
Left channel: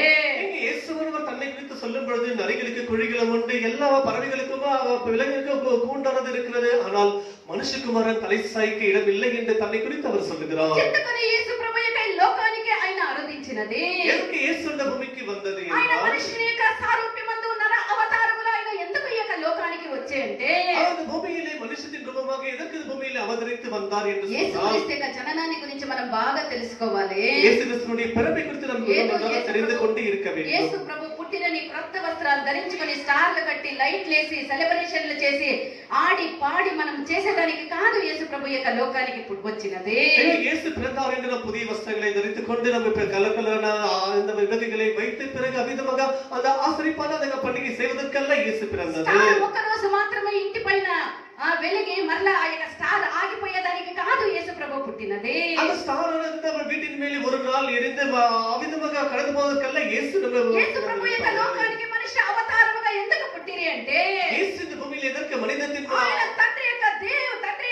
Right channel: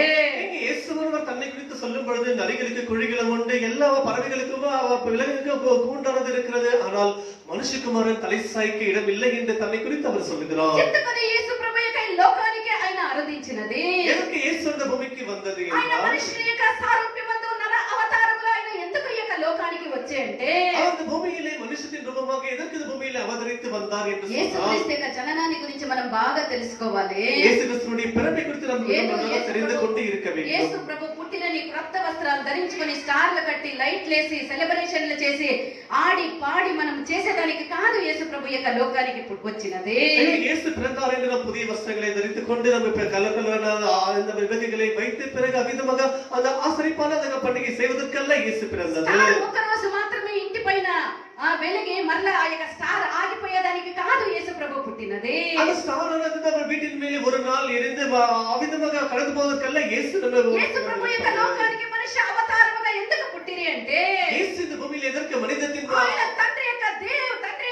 இயேசுவர் தன்னை குறித்து சொல்லும் பொழுது நரிகளுக்கு குழிகளும் உண்டு, எல்லா பறவைகளுக்கும் விலங்குகளுக்கு கூண்டானது இருக்கிறது, ஆனால் மனுஷகுமாரன் தலை சாய்க்க இடம் இல்லை என்று தன்னை குறித்து அவர் சொல்லுகிறார். ఎందుకని యేసు ప్రభు యొక్క ఈ లోకానికి ఆయన ఆరాధించినది? ఎదుకు యేసు இந்த భూమికి వందది ఆయన మనుషుని యొక్క సారూప్యమందు నర అవతారములో ఆయన ఎందుకు ఈ యొక్క లోకానికి వచ్చే అంటే ఆయన భూమిயிலே మనుషుని రూపமாக ఎదుకు భూమిயிலே అవతరిத்து வந்தார் என்று యేసు சொன்னார். క్రీస్తు యొక్క జననాన్ని గురించి మనం బాగా తెలుసుకోవాలి. యేసు క్రీస్తుని పిறப்பை குறித்து நாம் நன்றாக தெரிந்து கொண்டு இருக்க வேண்டும். యేసు ప్రభు పుట్టినని క్రొత్త వస్త్రాలు ధరించుకొని స్టార్లు కట్టి లైట్లు వేసి సెలబ్రేషన్లు చేసి ఆడి పాడి మనం చేసేదానికి కాదు యేసు ప్రభు యొక్క లోకానికి వచ్చినది. యేసు பிறந்தார் என்று நாம் புதிய வஸ்திரங்களை தரித்துக் கொண்டு நம்ம கலகலரான அந்த விபதிகளை வைத்து பிறகு அவிதமாக அந்த ஆசரிப்பான அந்த பண்டிகை செய்வதற்கல்ல యేసు பிறந்தது. ఒక రోజు మాత్రమే ఇంటి పైన వెలిగి మరలా ఆ యొక్క స్టార్ ఆగిపోయేదానికి కాదు యేసు ప్రభు పుట్టినది. அந்த ஸ்டார் ஆனது நம்ம வீட்டின் மேலே ஒரு நாள் எரிந்து அவிதமாக கடந்து போவதற்கல்ல యేసు ప్రభు యొక్క లోకానికి మనిషి అవతారముగా ఎందుకు పుట్టిరి అంటే యేసు இந்த భూమిలో ఎదற்கு మనిదతిన్ ఆయన తండ్రి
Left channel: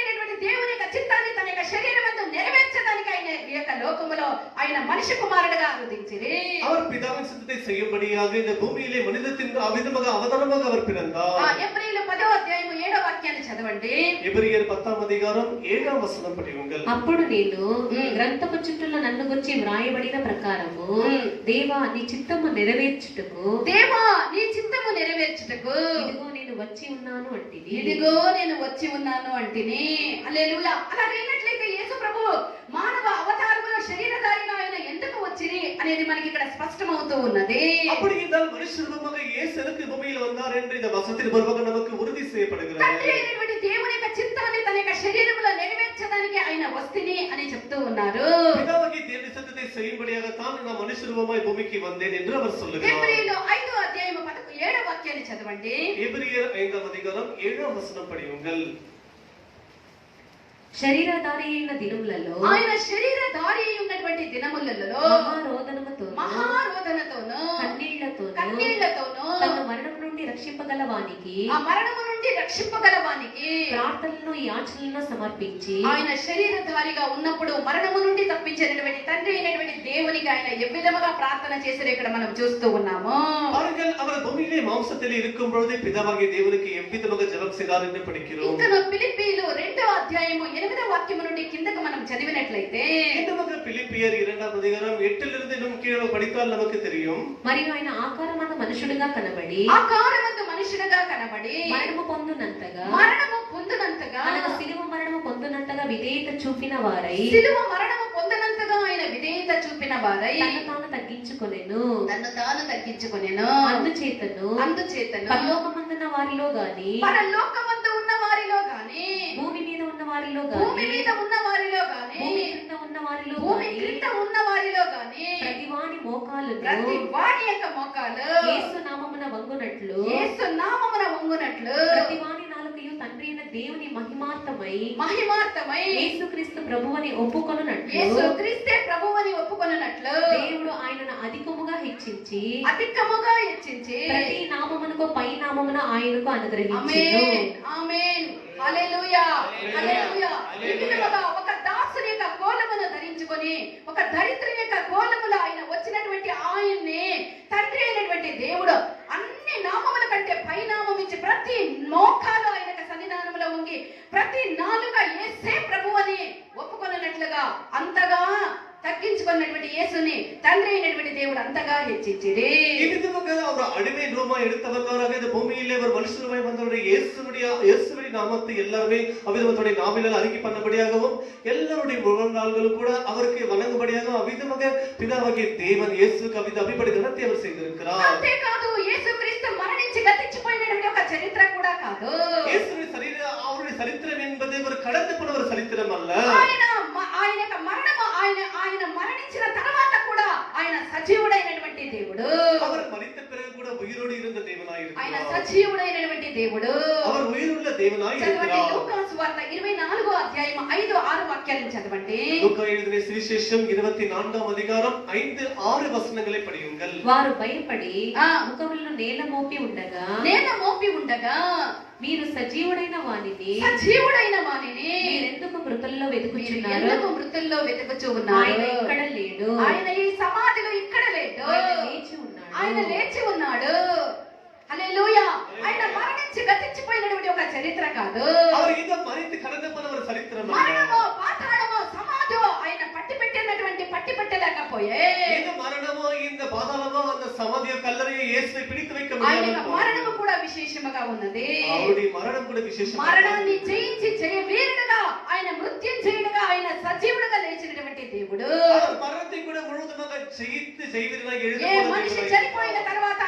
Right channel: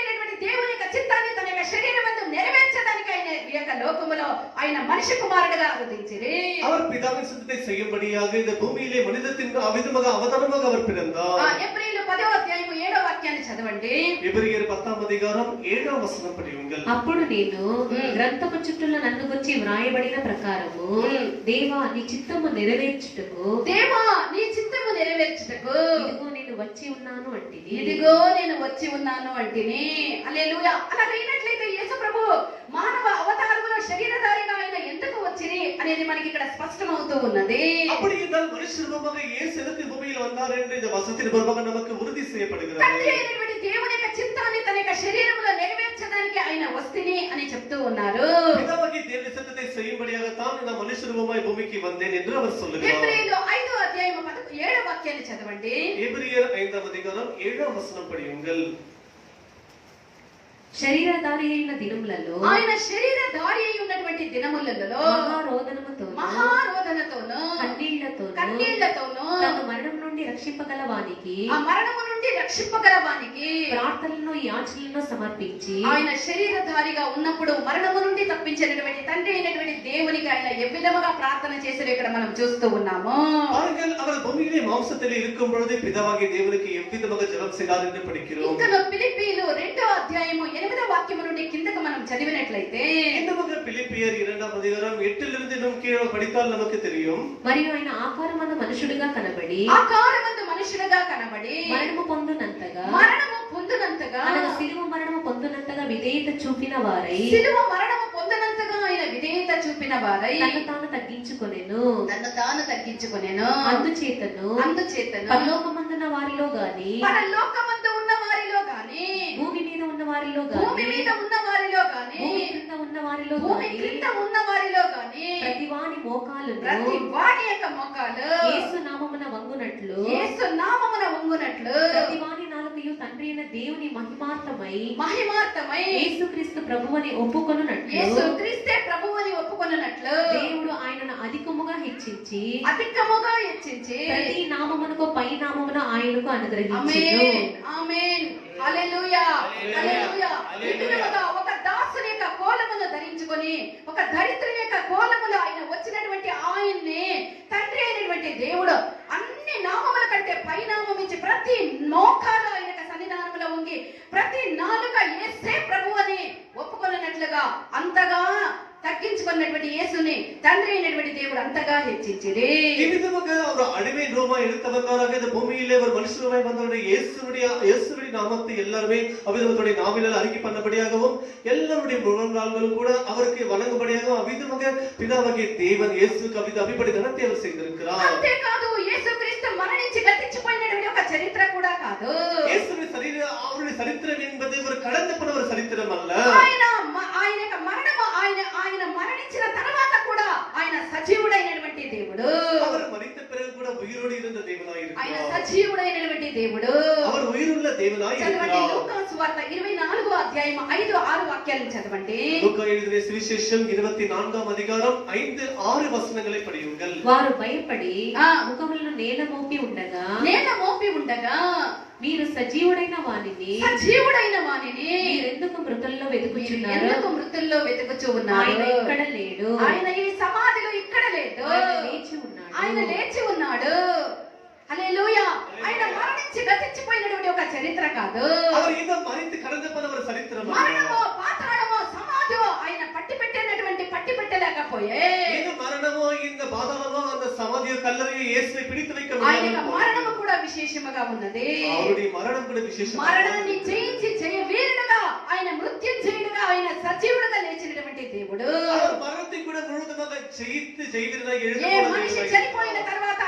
అయినటువంటి దేవుని యొక్క చిత్తాన్ని తన యొక్క శరీరమందు నెరవేర్చడానికి ఆయన ఈ యొక్క లోకములో ఆయన మనిషి కుమారుడుగా అవతరించిరి. அவர் பிதாவின் சித்தத்தை செய்யும்படியாக இந்த பூமியிலே மனிதத்தின் அவிதமாக அவதாரமாக அவர் பிறந்தார். ఎబ్రీయులు 10వ అధ్యాయం 7వ వాక్యాన్ని చదవండి. ఎబ్రియర్ 10వ అధ్యాయం 7వ వచనం படியுங்கள். అప్పుడు నేను గ్రంథము చుట్టూల నన్ను గురించి వ్రాయబడిన ప్రకారము దేవా నీ చిత్తము నెరవేర్చుటకు ఇదిగో నేను వచ్చి ఉన్నాను అంటిని. హల్లెలూయా. అలాగైనట్లయితే యేసు ప్రభు మానవ అవతారములో శరీరధారిగా ఆయన ఎందుకు వచ్చిరి అనేది మనకి ఇక్కడ స్పష్టమవుతూ ఉన్నది. அப்படி என்றால் மனுஷ ரூபமாக இயேசு எதற்கு பூமியில் வந்தார் என்று இந்த வசனத்தின் மூலமாக நமக்கு உறுதி செய்யப்படுகிறது. తండ్రి అయినటువంటి దేవుని యొక్క చిత్తాన్ని తన యొక్క శరీరములో నెరవేర్చడానికి ఆయన వస్తిని అని చెప్తూ ఉన్నారు. பிதாவாகிய தேவனுடைய சித்தத்தை செய்யும்படியாக தான் நான் மனுஷ ரூபமாய் பூமிக்கு வந்தேன் என்று அவர் சொல்லுகிறார். ఎబ్రీయులు 5వ అధ్యాయం 7వ వాక్యాన్ని చదవండి. ఎబ్రియర్ 5వ అధ్యాయం 7వ వచనం படியுங்கள். శరీరధారి అయిన దినములలో ఆయన శరీరధారి అయి ఉన్నటువంటి దినములలో మహారోదనతోను కన్నీళ్లతోను తన మరణం నుండి రక్షింపగల వానికి ప్రార్థనలను యాచనలను సమర్పించి ఆయన శరీరధారిగా ఉన్నప్పుడు మరణము నుండి తప్పించినటువంటి తండ్రి అయినటువంటి దేవునికి ఆయన ఏ విధముగా ప్రార్థన చేశారో ఇక్కడ మనం చూస్తూ ఉన్నాము. பாருங்கள், அவர் பூமியிலே மாம்சத்தில் இருக்கும் பொழுது பிதாவாகிய தேவனுக்கு எவ்விதமாக ஜெபம் செய்தார் என்று படிக்கிறோம். ఇంకా ఫిలిప్పీయులు 2వ అధ్యాయము 8వ వాక్యం నుండి కిందకు మనం చదివినట్లయితే நமக்கு பிலிப்பியர் 2వ అధ్యాయం 8 லிருந்து நாம் கீழே படித்தால் நமக்கு தெரியும். మరియు ఆయన ఆకారమందు మనుషుడిగా కనబడి మరణము పొందునంతగా అనగా శిలువ మరణము పొందునంతగా విధేయత చూపిన వారై ఆయన విధేయత చూపిన వారై తన్ను తాను తగ్గించుకొనెను అందుచేతను పరలోకమందున్న వారిలో గాని భూమి మీద ఉన్న వారిలో గాని భూమి క్రింద ఉన్న వారిలో గాని ప్రతి వాని యొక్క మోకాలు యేసు నామమున వంగునట్లు ప్రతి వాని నాలుకయు తండ్రి అయిన దేవుని మహిమార్థమై యేసుక్రీస్తు ప్రభువని ఒప్పుకొనున్నట్లు దేవుడు ఆయనను అధికముగా హెచ్చించి ప్రతి నామమునకు పై నామమున ఆయనకు అనుగ్రహించెను. ఆమేన్. హల్లెలూయా. ఒక దాసుని యొక్క కోలమును ధరించుకొని ఒక దరిద్రుని యొక్క కోలములో ఆయన వచ్చినటువంటి ఆయన్ని తండ్రి అయినటువంటి దేవుడు అన్ని నామముల కంటే పై నామం ఇచ్చి ప్రతి మోకాలు ఆయన సన్నిధానంలో ఉండి ప్రతి నాలుక యేసే ప్రభు అని ఒప్పుకొన్నట్లుగా అంతగా తగ్గించుకున్నటువంటి యేసుని తండ్రి అయినటువంటి దేవుడు అంతగా హెచ్చించిరి. ಈ ವಿಧವಾಗಿ ಅವರು ಅಡಿಮೆ ರೋಮ எடுத்தவர்களாக இந்த பூமியிலே ஒரு மனுஷனுமாய் வந்தவருடைய இயேசுவின் நாமத்தை எல்லாருமே அவ்விதமத்துடைய நாவினால் அறிக்கை பண்ணபடியாகவும் எல்லாருடைய முழங்கால்களும் கூட அவருக்கு வணங்கும்படியாகவும் அவ்விதமாக பிதாவாகிய தேவன் இயேசுக்கு அவ்விதப்படி கனத்தை அவர் செய்திருக்கிறார். అంతేకాదు యేసుక్రీస్తు మరణించి గతించిపోయినటువంటి ఒక చరిత్ర కూడా కాదు. இயேசுவின் அவருடைய சரித்திரம் என்பது ஒரு கடந்து போன ஒரு சரித்திரம் அல்ல. ఆయన యొక్క మరణము ఆయన మరణించిన తర్వాత కూడా ఆయన సజీవుడైనటువంటి దేవుడు. அவர் மரித்த பிறகு கூட உயிரோடு இருந்த தேவனாய் இருக்கிறார். ఆయన సజీవుడైనటువంటి దేవుడు. அவர் உயிருள்ள தேவனாய் இருக்கிறார். లూకా సువార్త 24వ అధ్యాయం 5-6 వాక్యాలను చదవండి. లూకా எழுதின సువిశేషం 24వ అధికారం 5-6 వచనங்களை படியுங்கள். వారు భయపడి ముఖములను నేల మోపి ఉండగా మీరు సజీవుడైన వానిని మీరెందుకు మృతుల్లో వెతుకుచూ ఉన్నారు? ఆయన ఇక్కడ లేడు, ఆయన ఈ సమాధిలో ఇక్కడ లేడు, ఆయన లేచి ఉన్నాడు. హల్లెలూయా. ఆయన మరణించి గతించిపోయినటువంటి ఒక చరిత్ర కాదు. அவர் இந்த மரித்து கடந்து போன ஒரு சரித்திரம் அல்ல. మరణమో పాతాళమో సమాధో ఆయన పట్టి పెట్టలేకపోయే. இந்த మరణమో இந்த పాతాళమో அந்த సమాధియో కల్లరియో యేసుని పిడిத்து வைக்க ఆయన முடியாது. మరణము కూడా విశేషముగా ఉన్నది. அவருடைய மரணம் கூட விசேஷம். మరణాన్ని జయించి జయవీరుడుగా ఆయన మృత్యుంజయుడుగా ఆయన సజీవుడుగా లేచినటువంటి దేవుడు. அவர் மரணத்தை கூட முழுவதுமாக ஜெயித்து ஜெயவீரனாக ఏ எழுந்தவர். మనిషి చనిపోయిన తర్వాత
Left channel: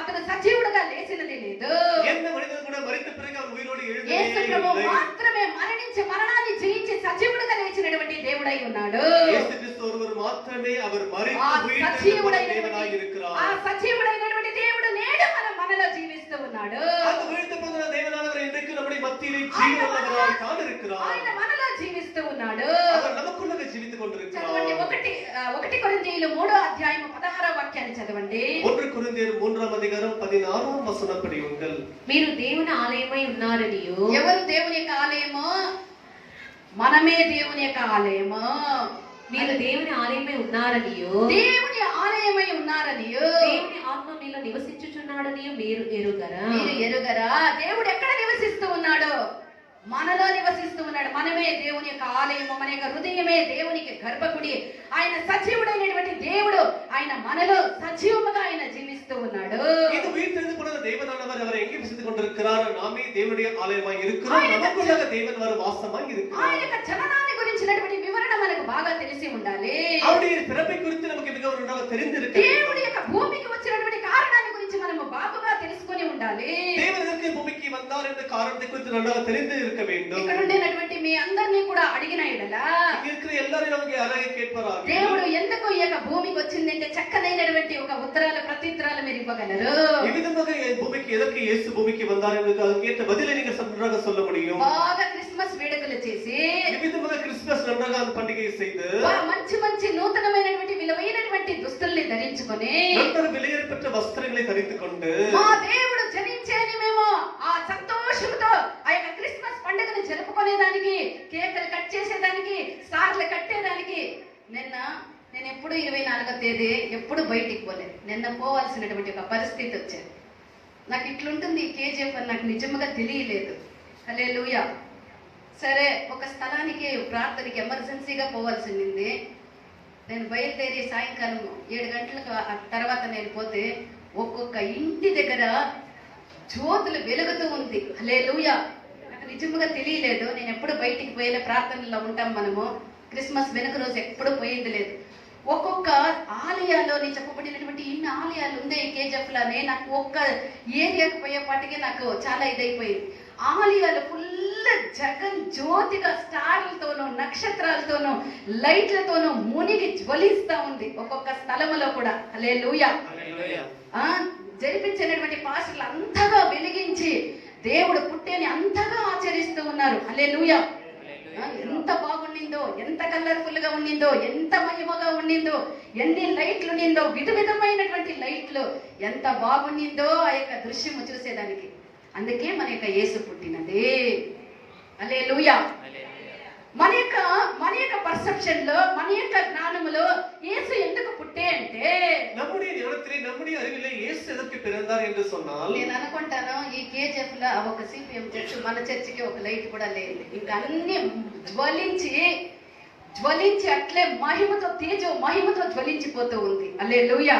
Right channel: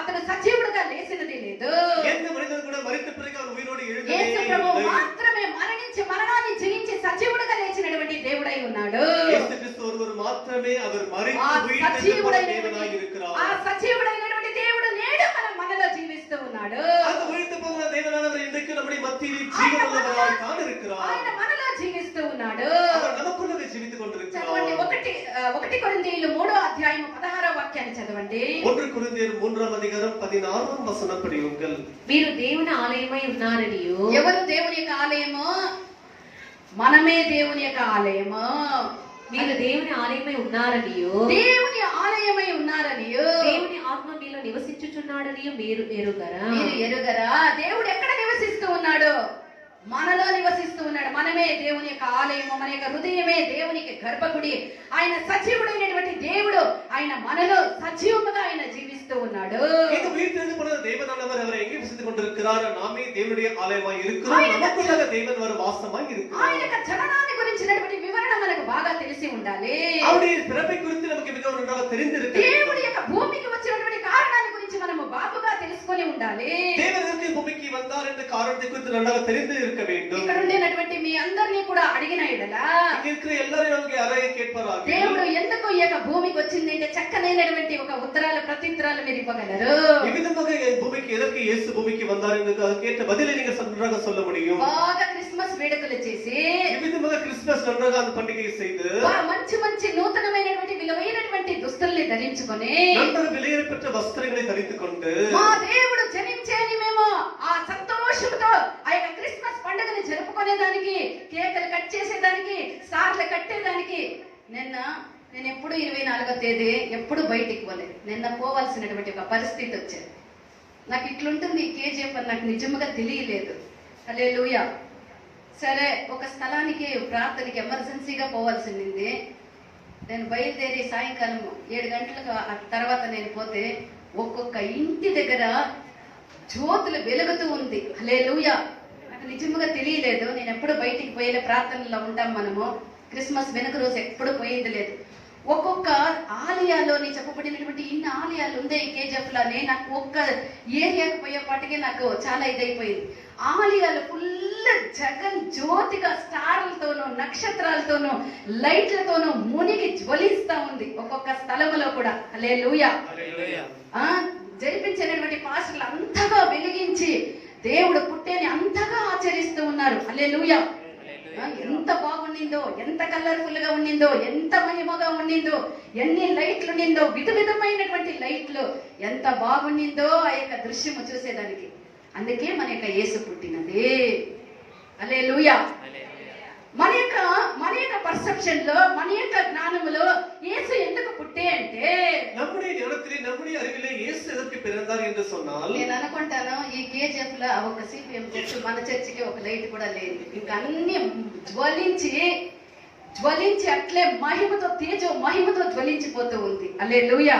అతను సజీవుడుగా లేచినది లేదు. எந்த மனிதன் கூட மரித்த பிறகு அவர் உயிரோடு எழுந்ததே యేసు ప్రభువు இல்லை. మాత్రమే మరణించి మరణాన్ని జయించి సజీవుడుగా లేచినటువంటి దేవుడై ఉన్నాడు. యేసు క్రీస్తు ஒருவர் మాత్రమే அவர் మరిத்து ఉయిర్తెழுந்த தேவனாய் இருக்கிறார். ఆ సజీవుడైనటువంటి దేవుడు నేడు మనలో జీవిస్తూ ఉన్నాడు. அந்த உயிர்த்து போன தேவனானவர் இன்றைக்கு நம்முடைய மத்தியிலே ஜீவனுள்ளவராய் தான் இருக்கிறார். ఆయన మనలో జీవిస్తూ ఉన్నాడు. அவர் நமக்குள்ளே జీవిத்து கொண்டிருக்கிறார். చదవండి. 1 కొరింథీయులు 3వ అధ్యాయం 16వ వాక్యాన్ని చదవండి. 1 కొరింథీయులు 3వ అధికారం 16వ వచనం படியுங்கள். మీరు దేవుని ఆలయమై ఉన్నారనియు. ఎవరు దేవుని యొక్క ఆలయము? మనమే దేవుని యొక్క ఆలయము. మీరు దేవుని ఆలయమై ఉన్నారనియు, దేవుని ఆలయమై ఉన్నారనియు, దేవుని ఆత్మ మీలో నివసించుచున్నాడనియు మీరు ఎరుగరా? దేవుడు ఎక్కడ నివసిస్తూ ఉన్నాడు? మనలో నివసిస్తూ ఉన్నాడు. మనమే దేవుని యొక్క ఆలయము, మన యొక్క హృదయమే దేవునికి గర్భగుడి. ఆయన సజీవుడైనటువంటి దేవుడు, ఆయన మనలో సజీవముగా ఆయన జీవిస్తూ ఉన్నాడు. இது உயிர்த்தெழுந்து போன தேவனானவர் அவர் எங்கே வசித்துக் கொண்டிருக்கிறார்? நாமே தேவனுடைய ஆலயமாய் இருக்கிறோம். நமக்குள்ள தேவன் வர வாசமாய் இருக்கிறார். ఆయన యొక్క జననాన్ని గురించినటువంటి వివరణ మనకు బాగా తెలిసి ఉండాలి. அவருடைய பிறப்பை குறித்து நமக்கு மிகவும் நன்றாக தெரிந்திருக்க வேண்டும். దేవుడి యొక్క భూమికి వచ్చినటువంటి కారణాన్ని గురించి మనము బాగుగా తెలుసుకొని ఉండాలి. தேவனுக்கு பூமிக்கு வந்தார் என்ற காரணத்தை குறித்து நன்றாக தெரிந்து இருக்க வேண்டும். ఇక్కడ ఉండేటువంటి మీ అందరినీ కూడా అడిగిన ఎడలా இங்க இருக்கிற எல்லாரையும் நமக்கு யாரையே கேட்பாராக దేవుడు ఎందుకు ఈ యొక్క భూమికి వచ్చిందంటే చక్కనైనటువంటి ఒక ప్రత్యుత్తరాలు మీరు ఇవ్వగలరు. விதமாக பூமிக்கு எதற்கு இயேசு பூமிக்கு வந்தார் என்று கேட்ட பதிலை நீங்க நன்றாக சொல்ல முடியும். బాగా క్రిస్మస్ వేడుకలు చేసి விதமாக கிறிஸ்துமஸ் நன்றாக அந்த பண்டிகையை செய்து మంచి నూతనమైనటువంటి విలువైనటువంటి దుస్తుల్ని ధరించుకొని நன்றாக விலையேறப்பட்ட వస్త్రங்களை ధరించుకొని మా దేవుడు జనించేని మేము ఆ సంతోషంతో ఆ యొక్క క్రిస్మస్ పండుగను జరుపుకునేదానికి, కేకులు కట్ చేసేదానికి, స్టార్లు కట్టేదానికి నేను ఎప్పుడు 24వ తేదీ ఎప్పుడు బయటికి పోలేదు. నిన్న పోవాల్సినటువంటి ఒక పరిస్థితి వచ్చేది. నాకు ఇట్లుంటుంది ఈ కేజీఎఫ్ అని నాకు నిజంగా తెలియలేదు. హల్లెలూయా. సరే, ఒక స్థలానికి ప్రార్థనకి ఎమర్జెన్సీగా పోవాల్సింది. నేను బయలుదేరి సాయంకాలం 7 గంటలకు తర్వాత నేను పోతే ఒక్కొక్క ఇంటి దగ్గర జ్యోతులు వెలుగుతూ ఉంది. హల్లెలూయా. నాకు నిజంగా తెలియలేదు. నేను ఎప్పుడు బయటికి పోయేలే, ప్రార్థనలో ఉంటాం మనము. క్రిస్మస్ వెనుక రోజు ఎప్పుడు పోయింది లేదు. ఒక్కొక్క ఆలయాల్లోని చెప్పబడినటువంటి ఇన్ని ఆలయాలు ఉందే ఈ కేజీఎఫ్ లానే. నాకు ఒక్క ఏరియాకు పోయేపాటికి నాకు చాలా ఇదైపోయింది. ఆలయాలు ఫుల్ జగన్ జ్యోతిగా స్టార్లతోనూ, నక్షత్రాలతోనూ, లైట్లతోనూ మునిగి జ్వలిస్తా ఉంది ఒక్కొక్క స్థలములో కూడా. హల్లెలూయా. జరిపించినటువంటి పాస్టర్లు అంతగా వెలిగించి దేవుడు పుట్టేని అంతగా ఆచరిస్తూ ఉన్నారు. హల్లెలూయా. ఎంత బాగుండిందో, ఎంత కలర్ఫుల్ గా ఉండిందో, ఎంత మహిమగా ఉండిందో, ఎన్ని లైట్లు ఉండిందో, విధమైనటువంటి లైట్లు, ఎంత బాగుండిందో ఆ యొక్క దృశ్యము చూసేదానికి. అందుకే మన యొక్క యేసు పుట్టినది. హల్లెలూయా. మన యొక్క పర్సెప్షన్ లో, మన యొక్క జ్ఞానములో యేసు ఎందుకు పుట్టే అంటే நம்முடைய ஞானத்திலே, நம்முடைய அறிவிலே இயேசு எதற்கு பிறந்தார் என்று சொன்னால், నేను అనుకుంటాను ఈ కేజీఎఫ్ లో ఒక సిపిఎం చర్చ్, మన చర్చికి ఒక లైట్ కూడా లేదు. ఇంకా అన్ని జ్వలించి జ్వలించి అట్లే మహిమతో మహిమతో జ్వలించిపోతూ ఉంది. హల్లెలూయా.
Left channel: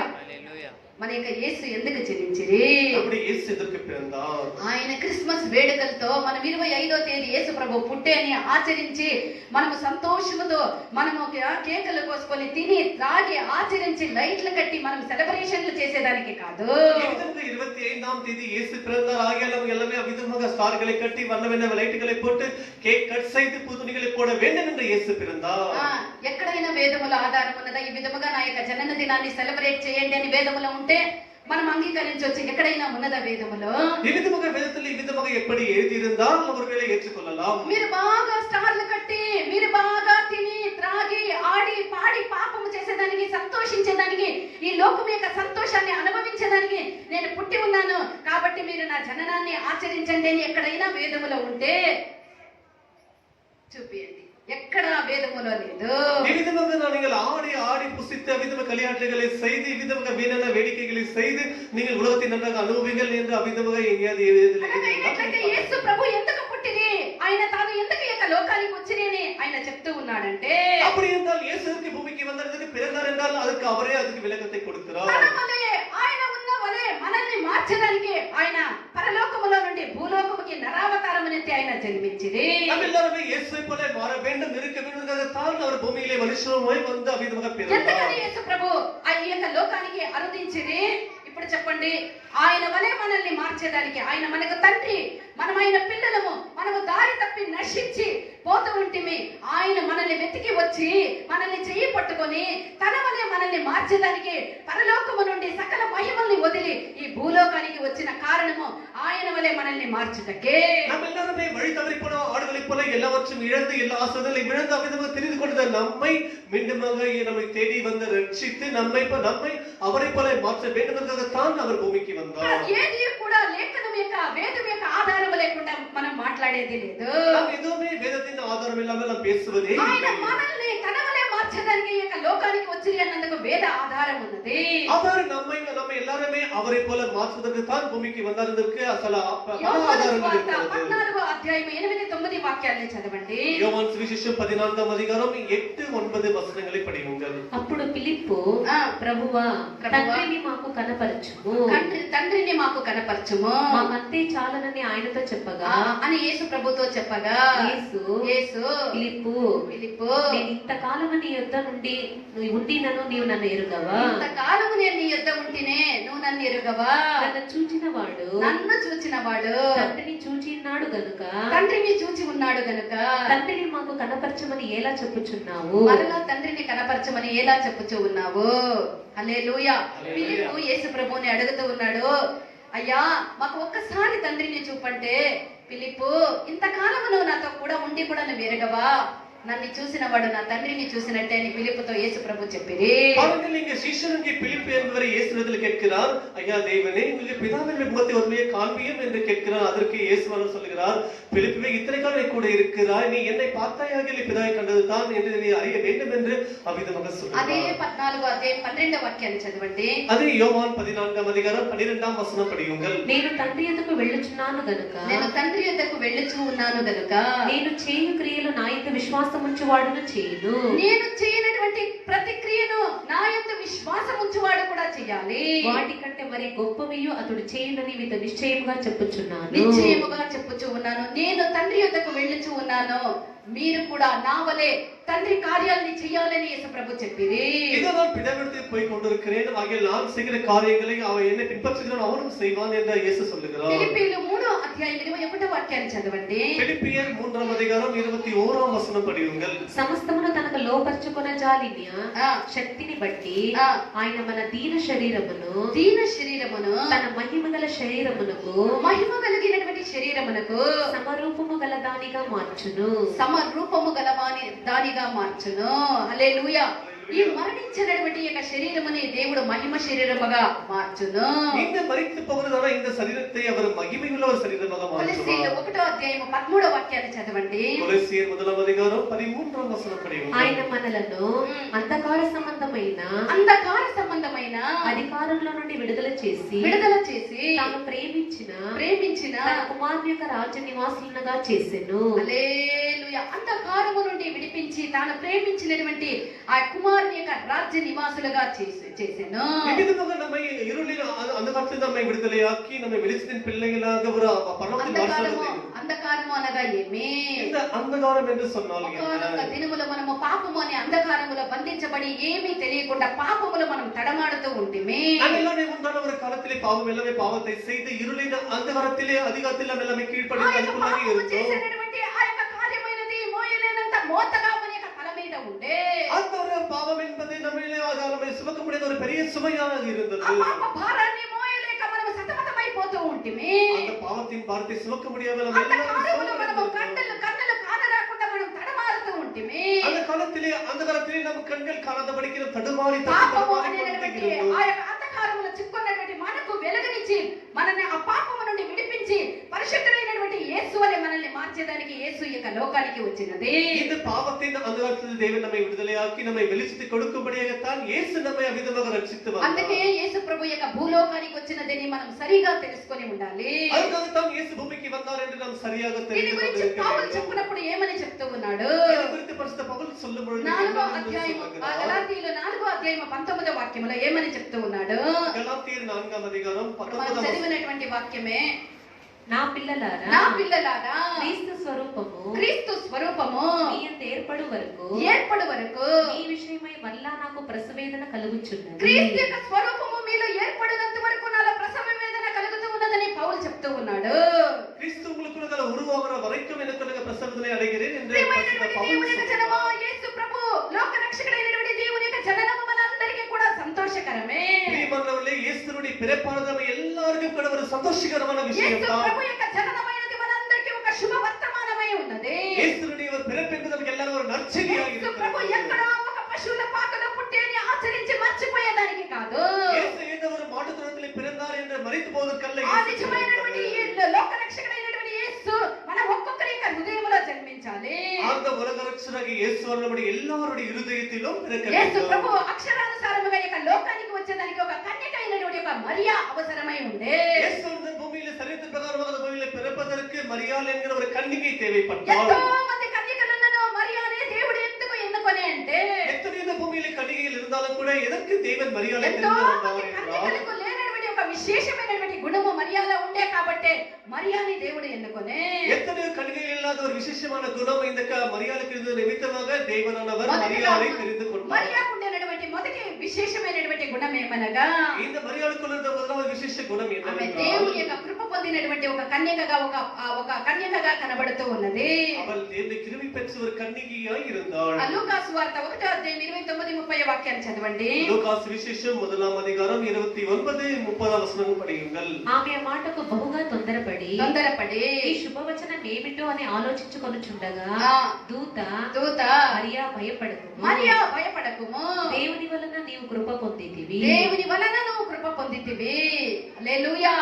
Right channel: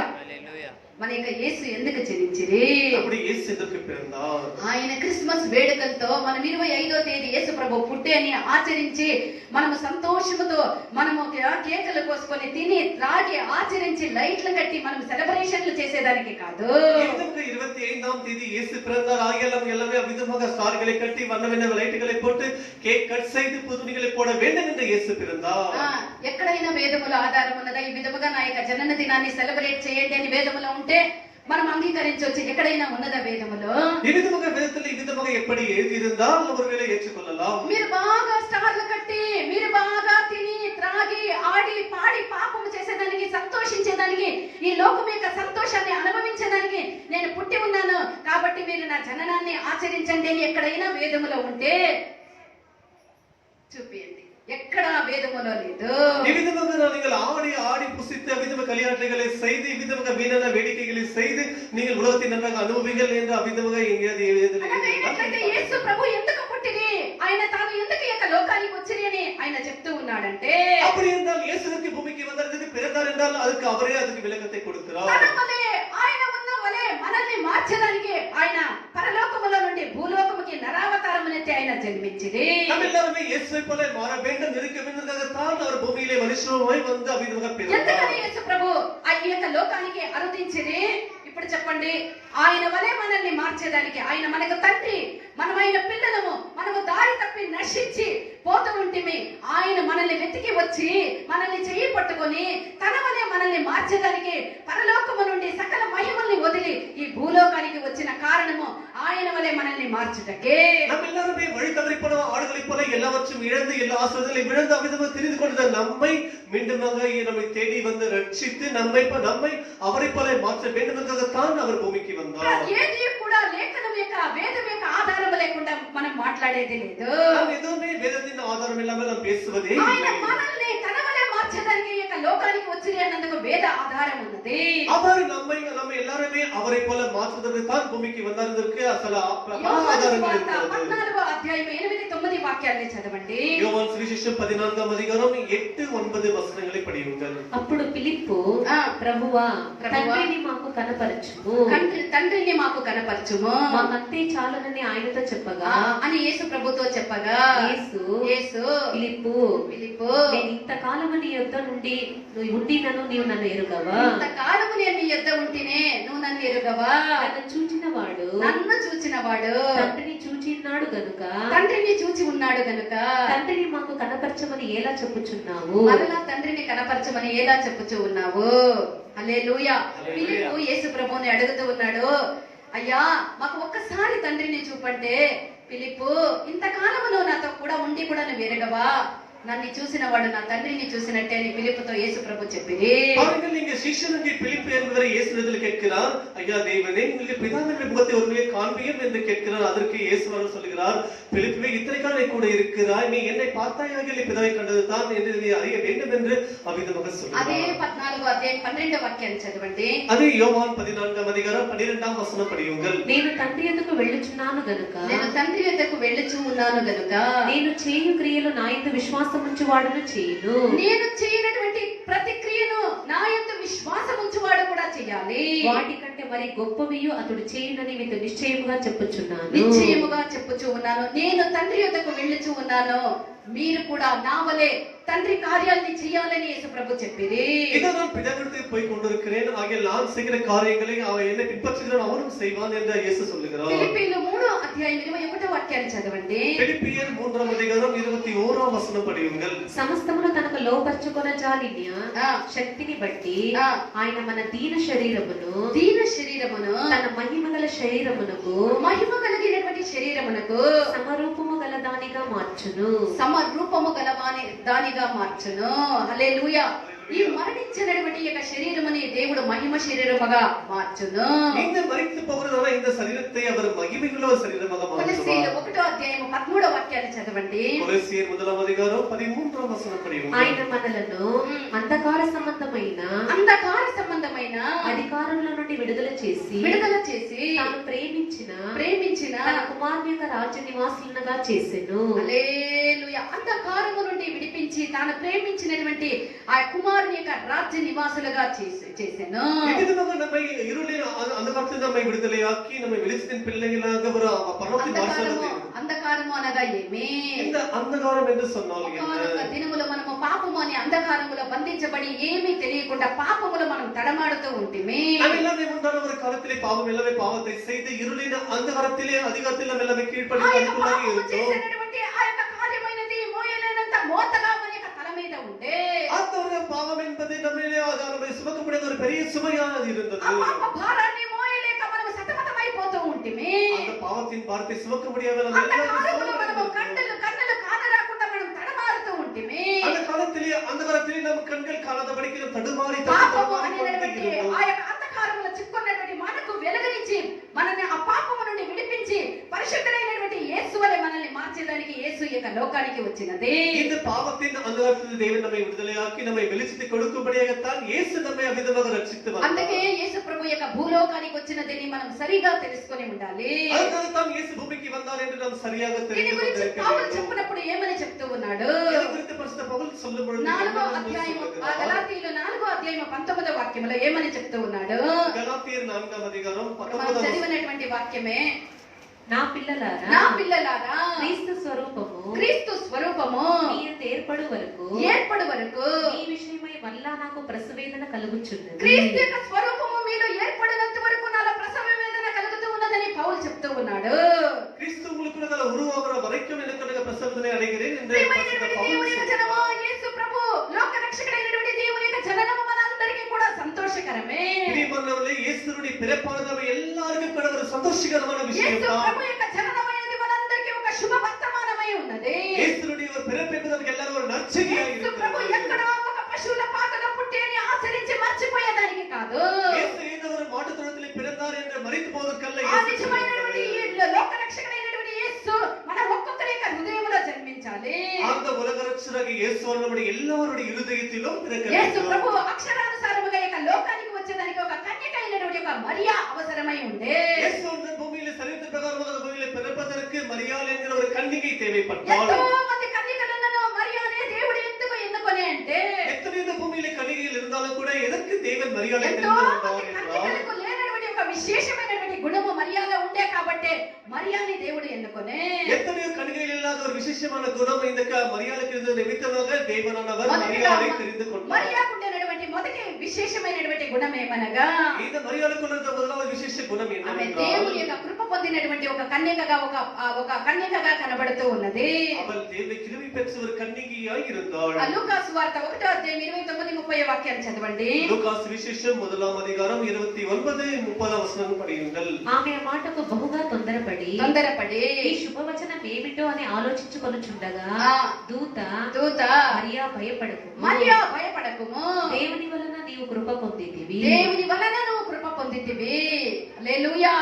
మన యొక్క యేసు ఎందుకు జనించిరి? அப்படி இயேசு எதற்கு பிறந்தார்? ఆయన క్రిస్మస్ వేడుకలతో మనం 25వ తేదీ యేసు ప్రభు పుట్టేని ఆచరించి మనము సంతోషముతో మనము కేకలు కోసుకొని తిని త్రాగి ఆచరించి లైట్లు కట్టి మనం సెలబ్రేషన్లు చేసేదానికి కాదు. 25ஆம் தேதி இயேசு பிறந்தார் ஆகியாலும் எல்லாமே அவிதமாக ஸ்டார்களை கட்டி வண்ண லைட்டுகளை போட்டு கேக் கட் செய்து புதுணிகளை போட வேண்டும் என்று இயேசு பிறந்தார். ఎక్కడైనా వేదముల ఆధారం ఉన్నదా? ఈ విధముగా నా యొక్క జనన దినాన్ని సెలబ్రేట్ చేయండి అని వేదములు ఉంటే మనం అంగీకరించవచ్చు. ఎక్కడైనా ఉన్నదా వేదములో? ఈ విధముగా వేదத்தில் ఈ విధముగా எப்படி எழுதி இருந்தால் ஒருவேளை ஏற்றுக்கொள்ளலாம். మీరు బాగా స్టార్లు కట్టి మీరు బాగా తిని త్రాగి ఆడి పాడి పాపము చేసేదానికి సంతోషించేదానికి ఈ లోకం యొక్క సంతోషాన్ని అనుభవించేదానికి నేను పుట్టి ఉన్నాను కాబట్టి మీరు నా జననాన్ని ఆచరించండి అని ఎక్కడైనా వేదములో ఉంటే చూపియండి. ఎక్కడ వేదములో లేదు. ఈ విధముగా நீங்கள் ஆடி ஆடி புசித்து அவிதமாக களியாட்டுகளை செய்து இவ்விதமாக வீணான வேடிக்கைகளை செய்து நீங்கள் உலகத்தை நன்றாக அனுபவிங்கள் என்று அவிதமாக எங்கேயாவது எழுதிనట్లయితే యేసు ప్రభు ఎందుకు పుట్టిరి, ఆయన తాను ఎందుకు ఈ యొక్క లోకానికి వచ్చిరి అని ఆయన చెప్తూ ఉన్నాడంటే, அப்படி என்றால் இயேசுவுக்கு பூமிக்கு வந்ததற்கு பிறந்தார் என்றால் அதுக்கு அவரே அதுக்கு விளக்கத்தை கொடுக்கிறார். ఆయన ఉన్న వలే మనల్ని మార్చడానికి ఆయన పరలోకములో నుండి భూలోకముకి నరావతారమునెత్తి ఆయన జన్మించిరి. நம்மெல்லாரும் இயேசுவை போல மாற வேண்டும் இருக்க வேண்டும் தான் அவர் பூமியிலே மனுஷனாய் வந்து அவிதமாக பிறந்தார். ఎందుకని యేసు ప్రభు ఈ యొక్క లోకానికి అరుదించిరి? ఇప్పుడు చెప్పండి. ఆయన వలే మనల్ని మార్చేదానికి. ఆయన మనకు తండ్రి, మనం ఆయన పిల్లలము. మనము దారి తప్పి నశించి పోతూ ఉంటిమి. ఆయన మనల్ని వెతికి వచ్చి మనల్ని చెయ్యి పట్టుకొని తన వలే మనల్ని మార్చేదానికి పరలోకము నుండి సకల మహిమల్ని వదిలి ఈ భూలోకానికి వచ్చిన కారణము ఆయన వలే మనల్ని మార్చుటకే. நம்மெல்லாருமே வழி தவறி போன ஆடுகளைப் போல எல்லாவற்றையும் இழந்து எல்லா ஆசீர்வாதங்களையும் இழந்து அவிதமாக தெரிந்து கொண்ட நம்மை மீண்டுமாக நம்மை தேடி வந்து ரட்சித்து நம்மை அவரை போல மாற்ற வேண்டும் என்பதற்காகத்தான் அவர் பூமிக்கு வந்தார். ఏది కూడా లేఖనం యొక్క వేదం యొక్క ఆధారం లేకుండా మనం మాట్లాడేది లేదు. நாம் எதுவுமே வேதத்தின் ஆதாரம் இல்லாமல் நாம் பேசுவதே ఆయన இல்லை. మనల్ని తన వలే మార్చడానికి ఈ యొక్క లోకానికి వచ్చిరి అన్నందుకు వేద ఆధారం ఉన్నది. அவர் நம்மை எல்லாருமே அவரை போல மாற்றுவதற்கு தான் பூமிக்கு வந்ததற்கு అసలు ఆధారங்கள் இருக்கிறது. 14వ అధ్యాయం 8-9 వాక్యాలను చదవండి. యోహాను సువిశేషం 14వ అధ్యాయం 8-9 వచనங்களை படியுங்கள். అప్పుడు ఫిలిప్పు ప్రభువా తండ్రిని మాకు కనపరచుము, తండ్రిని మాకు కనపరచుము, మాకంతే చాలనని ఆయనతో చెప్పగా అని యేసు ప్రభుతో చెప్పగా యేసు ఫిలిప్పు నేను ఇంతకాలము నీ యొద్ద నుండి ఉండినను నీవు నన్ను ఎరుగవా, ఇంతకాలము నేను నీ యొద్ద ఉంటినే నువ్వు నన్ను ఎరుగవా, నన్ను చూచినవాడు తండ్రిని చూచిన్నాడు గనుక తండ్రిని చూచి ఉన్నాడు గనుక తండ్రిని మాకు కనపరచమని ఎలా చెప్పుచున్నావు, మరలా తండ్రిని కనపరచమని ఎలా చెప్పుచూ ఉన్నావు. హల్లెలూయా. ఫిలిప్పు యేసు ప్రభువుని అడుగుతూ ఉన్నాడు, అయ్యా మాకు ఒక్కసారి తండ్రిని చూపంటే, ఫిలిప్పు ఇంతకాలము నువ్వు నాతో కూడా ఉండి కూడా నువ్వు ఎరగవా, నన్ను చూసిన వాడు నా తండ్రిని చూసినట్టే అని ఫిలిప్పుతో యేసు ప్రభు చెప్పిరి. பாருங்கள் இங்கே சீஷனுக்கு பிலிப்பு என்பவரை இயேசுவிடத்தில் கேட்கிறார், ஐயா தேவனே உங்களுக்கு பிதாவின் முகத்தை உண்மையை காண்பியும் என்று கேட்கிறார். அதற்கு இயேசுவானவர் சொல்கிறார், பிலிப்புவே இத்தனை காலம் நீ கூட இருக்கிறாய், நீ என்னை பார்த்தாயாக பிதாவை கண்டது தான் என்று நீ அறிய வேண்டும் என்று அவ்விதமாக சொல்கிறார். అదే 14వ అధ్యాయం 12వ వాక్యాన్ని చదవండి. అదే యోహాను 14వ అధ్యాయం 12వ వచనం படியுங்கள். నేను తండ్రి యొద్దకు వెళ్ళుచున్నాను గనుక నేను తండ్రి యొద్దకు వెళ్ళుచూ ఉన్నాను గనుక నేను చేయు క్రియలు నా యందు విశ్వాసం ఉంచువాడును చేయను, నేను చేయనటువంటి ప్రతి క్రియను నా యందు విశ్వాసం ఉంచువాడు కూడా చేయాలి. వాటికంటే మరి గొప్పవియు అతడు చేయునని మీతో నిశ్చయముగా చెప్పుచున్నాను. నిశ్చయముగా చెప్పుచూ ఉన్నాను. నేను తండ్రి యొద్దకు వెళ్ళుచూ ఉన్నాను, మీరు కూడా నా వలే తండ్రి కార్యాలని చేయాలని యేసు ప్రభు చెప్పిరి. இதுதான் பிதாவிடத்தில் போய் கொண்டிருக்கிறேன், ஆகையால் நான் செய்கிற காரியங்களை அவன் என்னை பின்பற்றுகிறான் அவனும் செய்வான் என்று இயேசு சொல்லுகிறார். ఫిలిప్పీయులు 3వ అధ్యాయం 21వ వాక్యాన్ని చదవండి. ఫిలిప్పియర్ 3వ అధ్యాయం 21వ వచనం படியுங்கள். సమస్తమును తనకు లోపర్చుకొన జాలిన్య శక్తిని బట్టి ఆయన మన దీన శరీరమును తన మహిమ గల శరీరమునకు మహిమ కలిగినటువంటి శరీరమునకు సమరూపము గల దానిగా మార్చును, సమరూపము గల దానిగా మార్చును. హల్లెలూయా. ఈ మరణించినటువంటి యొక్క శరీరముని దేవుడు మహిమ శరీరముగా మార్చును. இந்த மரித்து போகிறதான இந்த శరీరத்தை அவர் మహిమగల శరీరముగా మార్చును. కొలస్సీయులు 1వ అధ్యాయం 13వ వాక్యాన్ని చదవండి. కొలస్సీయులు 1వ అధ్యాయం 13వ వచనం படியுங்கள். ఆయన మనలను అంధకార సంబంధమైన అధికారంలో నుండి విడుదల చేసి తాను ప్రేమించిన తన కుమారుని యొక్క రాజ్య నివాసులుగా చేసెను. హల్లెలూయా. హల్లెలూయా అంధకారము నుండి విడిపించి తాను ప్రేమించినటువంటి ఆ కుమారుని యొక్క రాజ్య నివాసులుగా చేసెను. ಈ ವಿಧವಾಗಿ ನಮ್ಮ ಇರುಳಿನ ಅಂಧಕಾರದಿಂದ ನಮ್ಮ ವಿಡುದಲೆಯಾಕಿ ನಮ್ಮ వెలిసిన పిల్లగలాగా ஒரு పరలోకం మార్చబడింది. అంధకారము అనగా ఏమి? இந்த అంధకారం என்று சொன்னால் ఒక్కొక్క దినములో మనము పాపము అనే అంధకారములో బంధించబడి ఏమీ తెలియకుండా పాపములో మనం తడమాడుతూ ఉంటిమే. நாமெல்லாமே முன்னான ஒரு காலத்திலே பாவம் எல்லாமே பாவத்தை செய்து இருளின அந்தகாரத்திலே அதிகாரத்தில் நம்ம எல்லாமே கீழ்ப்படிந்து அதுக்குள்ளாக இருந்தோம். చేసినటువంటి ఆ యొక్క కార్యమైనది మోయలేనంత మోతగా మన యొక్క తల మీద ఉండే. அந்த ஒரு பாவம் என்பது நம்மிலே நம்ம சுமக்க முடியாத ஒரு பெரிய சுமையாக இருந்தது. ఆ పాప భారాన్ని మోయలేక మనం సతమతమైపోతూ ఉంటిమే. அந்த பாவத்தின் பாரத்தை சுமக்க முடியாமல் நம்ம మనము కన్నులు కానరాకుండా మనం తడమారుతూ ఉంటిమే. அந்த காலத்திலே அந்தகாரத்திலே நம்ம கண்கள் காணாதபடிக்கு தடுமாறி పాపము అనేటువంటి ఆ యొక్క అంధకారములో చిక్కుకున్నటువంటి మనకు వెలుగునిచ్చి మనల్ని ఆ పాపము నుండి విడిపించి పరిశుద్ధుడైనటువంటి యేసు వలె మనల్ని మార్చేదానికి యేసు యొక్క లోకానికి వచ్చినది. இந்த பாவத்தின் அந்தகாரத்திலிருந்து தேவன் நம்மை விடுதலையாக்கி நம்மை வெளிச்சத்தை கொடுக்கும்படியாகத்தான் இயேசு நம்மை அவிதமாக ரட்சித்து வந்தார். అందుకే యేసు ప్రభు యొక్క భూలోకానికి వచ్చినదని మనం సరిగా తెలుసుకొని ఉండాలి. அதுதான் இயேசு பூமிக்கு வந்தார் என்று நாம் சரியாக దీని గురించి పౌలు தெரிந்து చెప్పినప్పుడు ఏమని చెప్తూ ఉన్నాడు? இதை குறித்து பரிசுத்த பவுல் சொல்லும் பொழுது 4వ అధ్యాయము గలాతీయులు 4వ అధ్యాయము 19వ వాక్యములో ఏమని చెప్తూ ఉన్నాడు? గలాతీయులు 4వ అధ్యాయం మనం 19వ చదివినటువంటి వాక్యమే, నా నా పిల్లలారా క్రీస్తు స్వరూపము క్రీస్తు స్వరూపము మీ యందు ఏర్పడు వరకు ఈ విషయమై మళ్ళా నాకు ప్రసవేదన కలుగుచున్నది. క్రీస్తు యొక్క స్వరూపము మీలో ఏర్పడినంత వరకు నాలో ప్రసవ వేదన కలుగుతూ ఉన్నదని పౌలు చెప్తూ ఉన్నాడు. கிறிஸ்து உங்களுக்குள்ள உருவாகிற வரைக்கும் எனக்கு பிரசவத்தை அடைகிறேன் என்று ప్రియమైనటువంటి దేవుని యొక్క జనము, యేసు ప్రభు లోక రక్షకుడైనటువంటి దేవుని యొక్క జననము మనందరికీ కూడా సంతోషకరమే. பிரியமானவர்களே, இயேசுவுடைய பிறப்பானது நம்ம எல்லாருக்கும் கூட ஒரு சந்தோஷகரமான விஷயம் యేసు தான். ప్రభు యొక్క జననమైనది మనందరికీ ఒక శుభ వర్తమానమై ఉన్నది. இயேசுவுடைய ஒரு பிறப்பு என்பது நமக்கு எல்லாரும் ஒரு நற்செய்தியாக యేసు ప్రభు இருக்கிறது. ఎక్కడో ఒక పశువుల పాకలో పుట్టి అని ఆచరించి మర్చిపోయేదానికి కాదు. இயேசு இந்த ஒரு மாட்டுத் தொழுவத்திலே பிறந்தார் என்று மரித்து போவதற்கல்ல ఆ இயேசு నిజమైనటువంటి பிறந்தார். ఈ లోక రక్షకుడైనటువంటి యేసు మన ఒక్కొక్కరి యొక్క హృదయంలో జన్మించాలి. அந்த உலக ரட்சகராகிய இயேசு நம்முடைய எல்லாருடைய இருதயத்திலும் பிறக்க యేసు வேண்டும். ప్రభు అక్షరానుసారముగా యొక్క లోకానికి వచ్చేదానికి ఒక కన్యక అయినటువంటి ఒక మరియా అవసరమై ఉండే. இயேசு இந்த பூமியிலே சரீரத்தின் பிரகாரமாக அந்த பூமியிலே பிறப்பதற்கு மரியாள் என்கிற ஒரு கன்னிகை தேவைப்பட்டாள். ఎంతో మంది కన్యకలను మరియానే దేవుడు ఎందుకు ఎన్నుకొనే అంటే, எத்தனை இந்த பூமியிலே கன்னிகைகள் இருந்தாலும் கூட எதற்கு தேவன் மரியாளை ఎంతో தெரிந்து మంది கொண்டார் என்றால் కన్యకలకు లేనటువంటి ఒక విశేషమైనటువంటి గుణము మరియాలో ఉండే కాబట్టి మరియాని దేవుడు ఎన్నుకొనే. எத்தனையோ கன்னிகைகள் இல்லாத ஒரு விசேஷமான குணம் இந்த மரியாளுக்கு இருந்த நிமித்தமாக தேவனானவர் மரியாளை தெரிந்து கொண்டார். మరియాకు ఉండేటువంటి మొదటి విశేషమైనటువంటి గుణం ఏమనగా, இந்த மரியாளுக்குள்ள இருந்த முதலாவது விசேஷ குணம் ఆమె என்னவென்றால் దేవుని యొక్క కృప పొందినటువంటి ఒక కన్యకగా ఒక కన్యకగా కనబడుతూ ఉన్నది. அவள் தேவனை கிருபை பெற்ற ஒரு கன்னிகையாய் இருந்தாள். లూకా సువార్త 1వ అధ్యాయం 29-30 వాక్యాన్ని చదవండి. லூகாஸ் விசேஷம் 1ஆம் அதிகாரம் 29-30 వచనం படியுங்கள். ఆమె ఆ మాటకు బహుగా తొందరపడి ఈ శుభవచనం ఏమిటో అని ఆలోచించుకొనుచుండగా దూత మరియా భయపడకుము, దేవుని వలన నీవు కృప పొందితివి. దేవుని వలన నువ్వు కృప పొందితివి. హల్లెలూయా.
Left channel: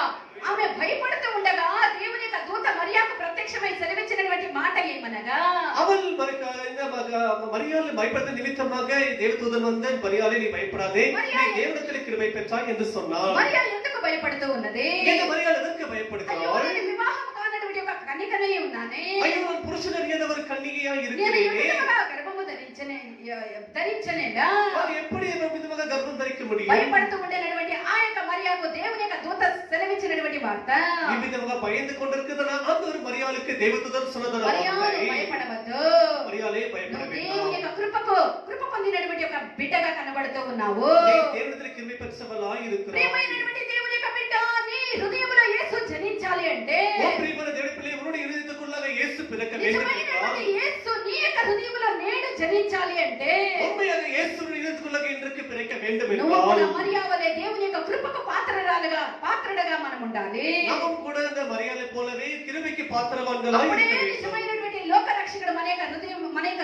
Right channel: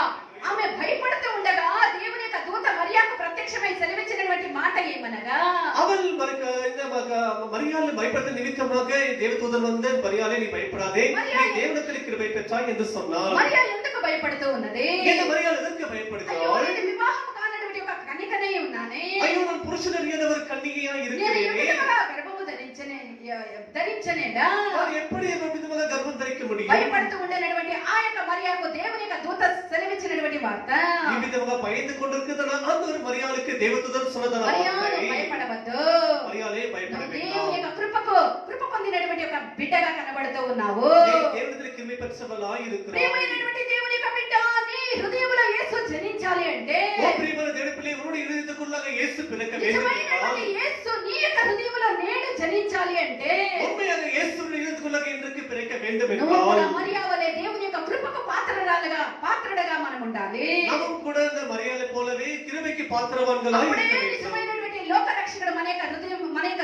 ఆమె భయపడుతూ ఉండగా దేవుని యొక్క దూత మరియాకు ప్రత్యక్షమై సెలవిచ్చినటువంటి మాట ఏమనగా, அவள் மரியாள் பயப்படுத்த நிமித்தமாக தேவதூதன் வந்து மரியாளே நீ பயப்படாதே, நீ தேவனிடத்தில் கிருபை பெற்றாய் என்று சொன்னாள். మరియా ఎందుకు భయపడుతూ ఉన్నది? இந்த மரியாள் எதற்கு பயப்படுகிறாள்? నేను వివాహం కానటువంటి ఒక కన్యకనే ఉన్నానే, ஐயோ நான் புருஷன் அறியாத ஒரு கன்னிகையாய் నేను இருக்கிறேனே, ఎప్పుడైనా గర్భము ధరించనేడా? நான் எப்படி விதமாக கர்ப்பம் தரிக்க முடியும்? భయపడుతూ ఉండేటువంటి ఆ యొక్క మరియాకు దేవుని యొక్క దూత సెలవిచ్చినటువంటి వార్త, ఈ విధంగా பயந்து கொண்டிருக்கிற அந்த ஒரு மரியாளுக்கு தேவதூதன் சொன்னதான మరియాను భయపడవద్దు, மரியாளே பயப்பட నువ్వు வேண்டாம், దేవుని యొక్క కృప పొందినటువంటి ఒక బిడ్డగా కనబడుతూ ఉన్నావు. நீ தேவனிடத்தில் கிருபை பெற்றவளாய் இருக்கிறாய். ప్రియమైనటువంటి దేవుని యొక్క బిడ్డ, నీ హృదయంలో యేసు జనించాలి అంటే, ஓ பிரியமான தேவனுடைய பிள்ளை, உன்னுடைய இதயத்துக்குள்ளாக இயேசு பிறக்க வேண்டும் என்றால், నిజమైనటువంటి యేసు నీ యొక్క హృదయంలో నేడు జనించాలి అంటే, உண்மையாக இயேசுவின் இதயத்துக்குள்ளாக இன்றைக்கு பிறக்க வேண்டும் నువ్వు కూడా என்றால் మరియా వలె దేవుని యొక్క కృపకు పాత్రుడగా మనం ఉండాలి. நாமும் கூட இந்த மரியாளை போலவே கிருபைக்கு பாத்திரவான்களாய் అప్పుడే இருக்க வேண்டும். నిజమైనటువంటి లోక రక్షకుడు మన యొక్క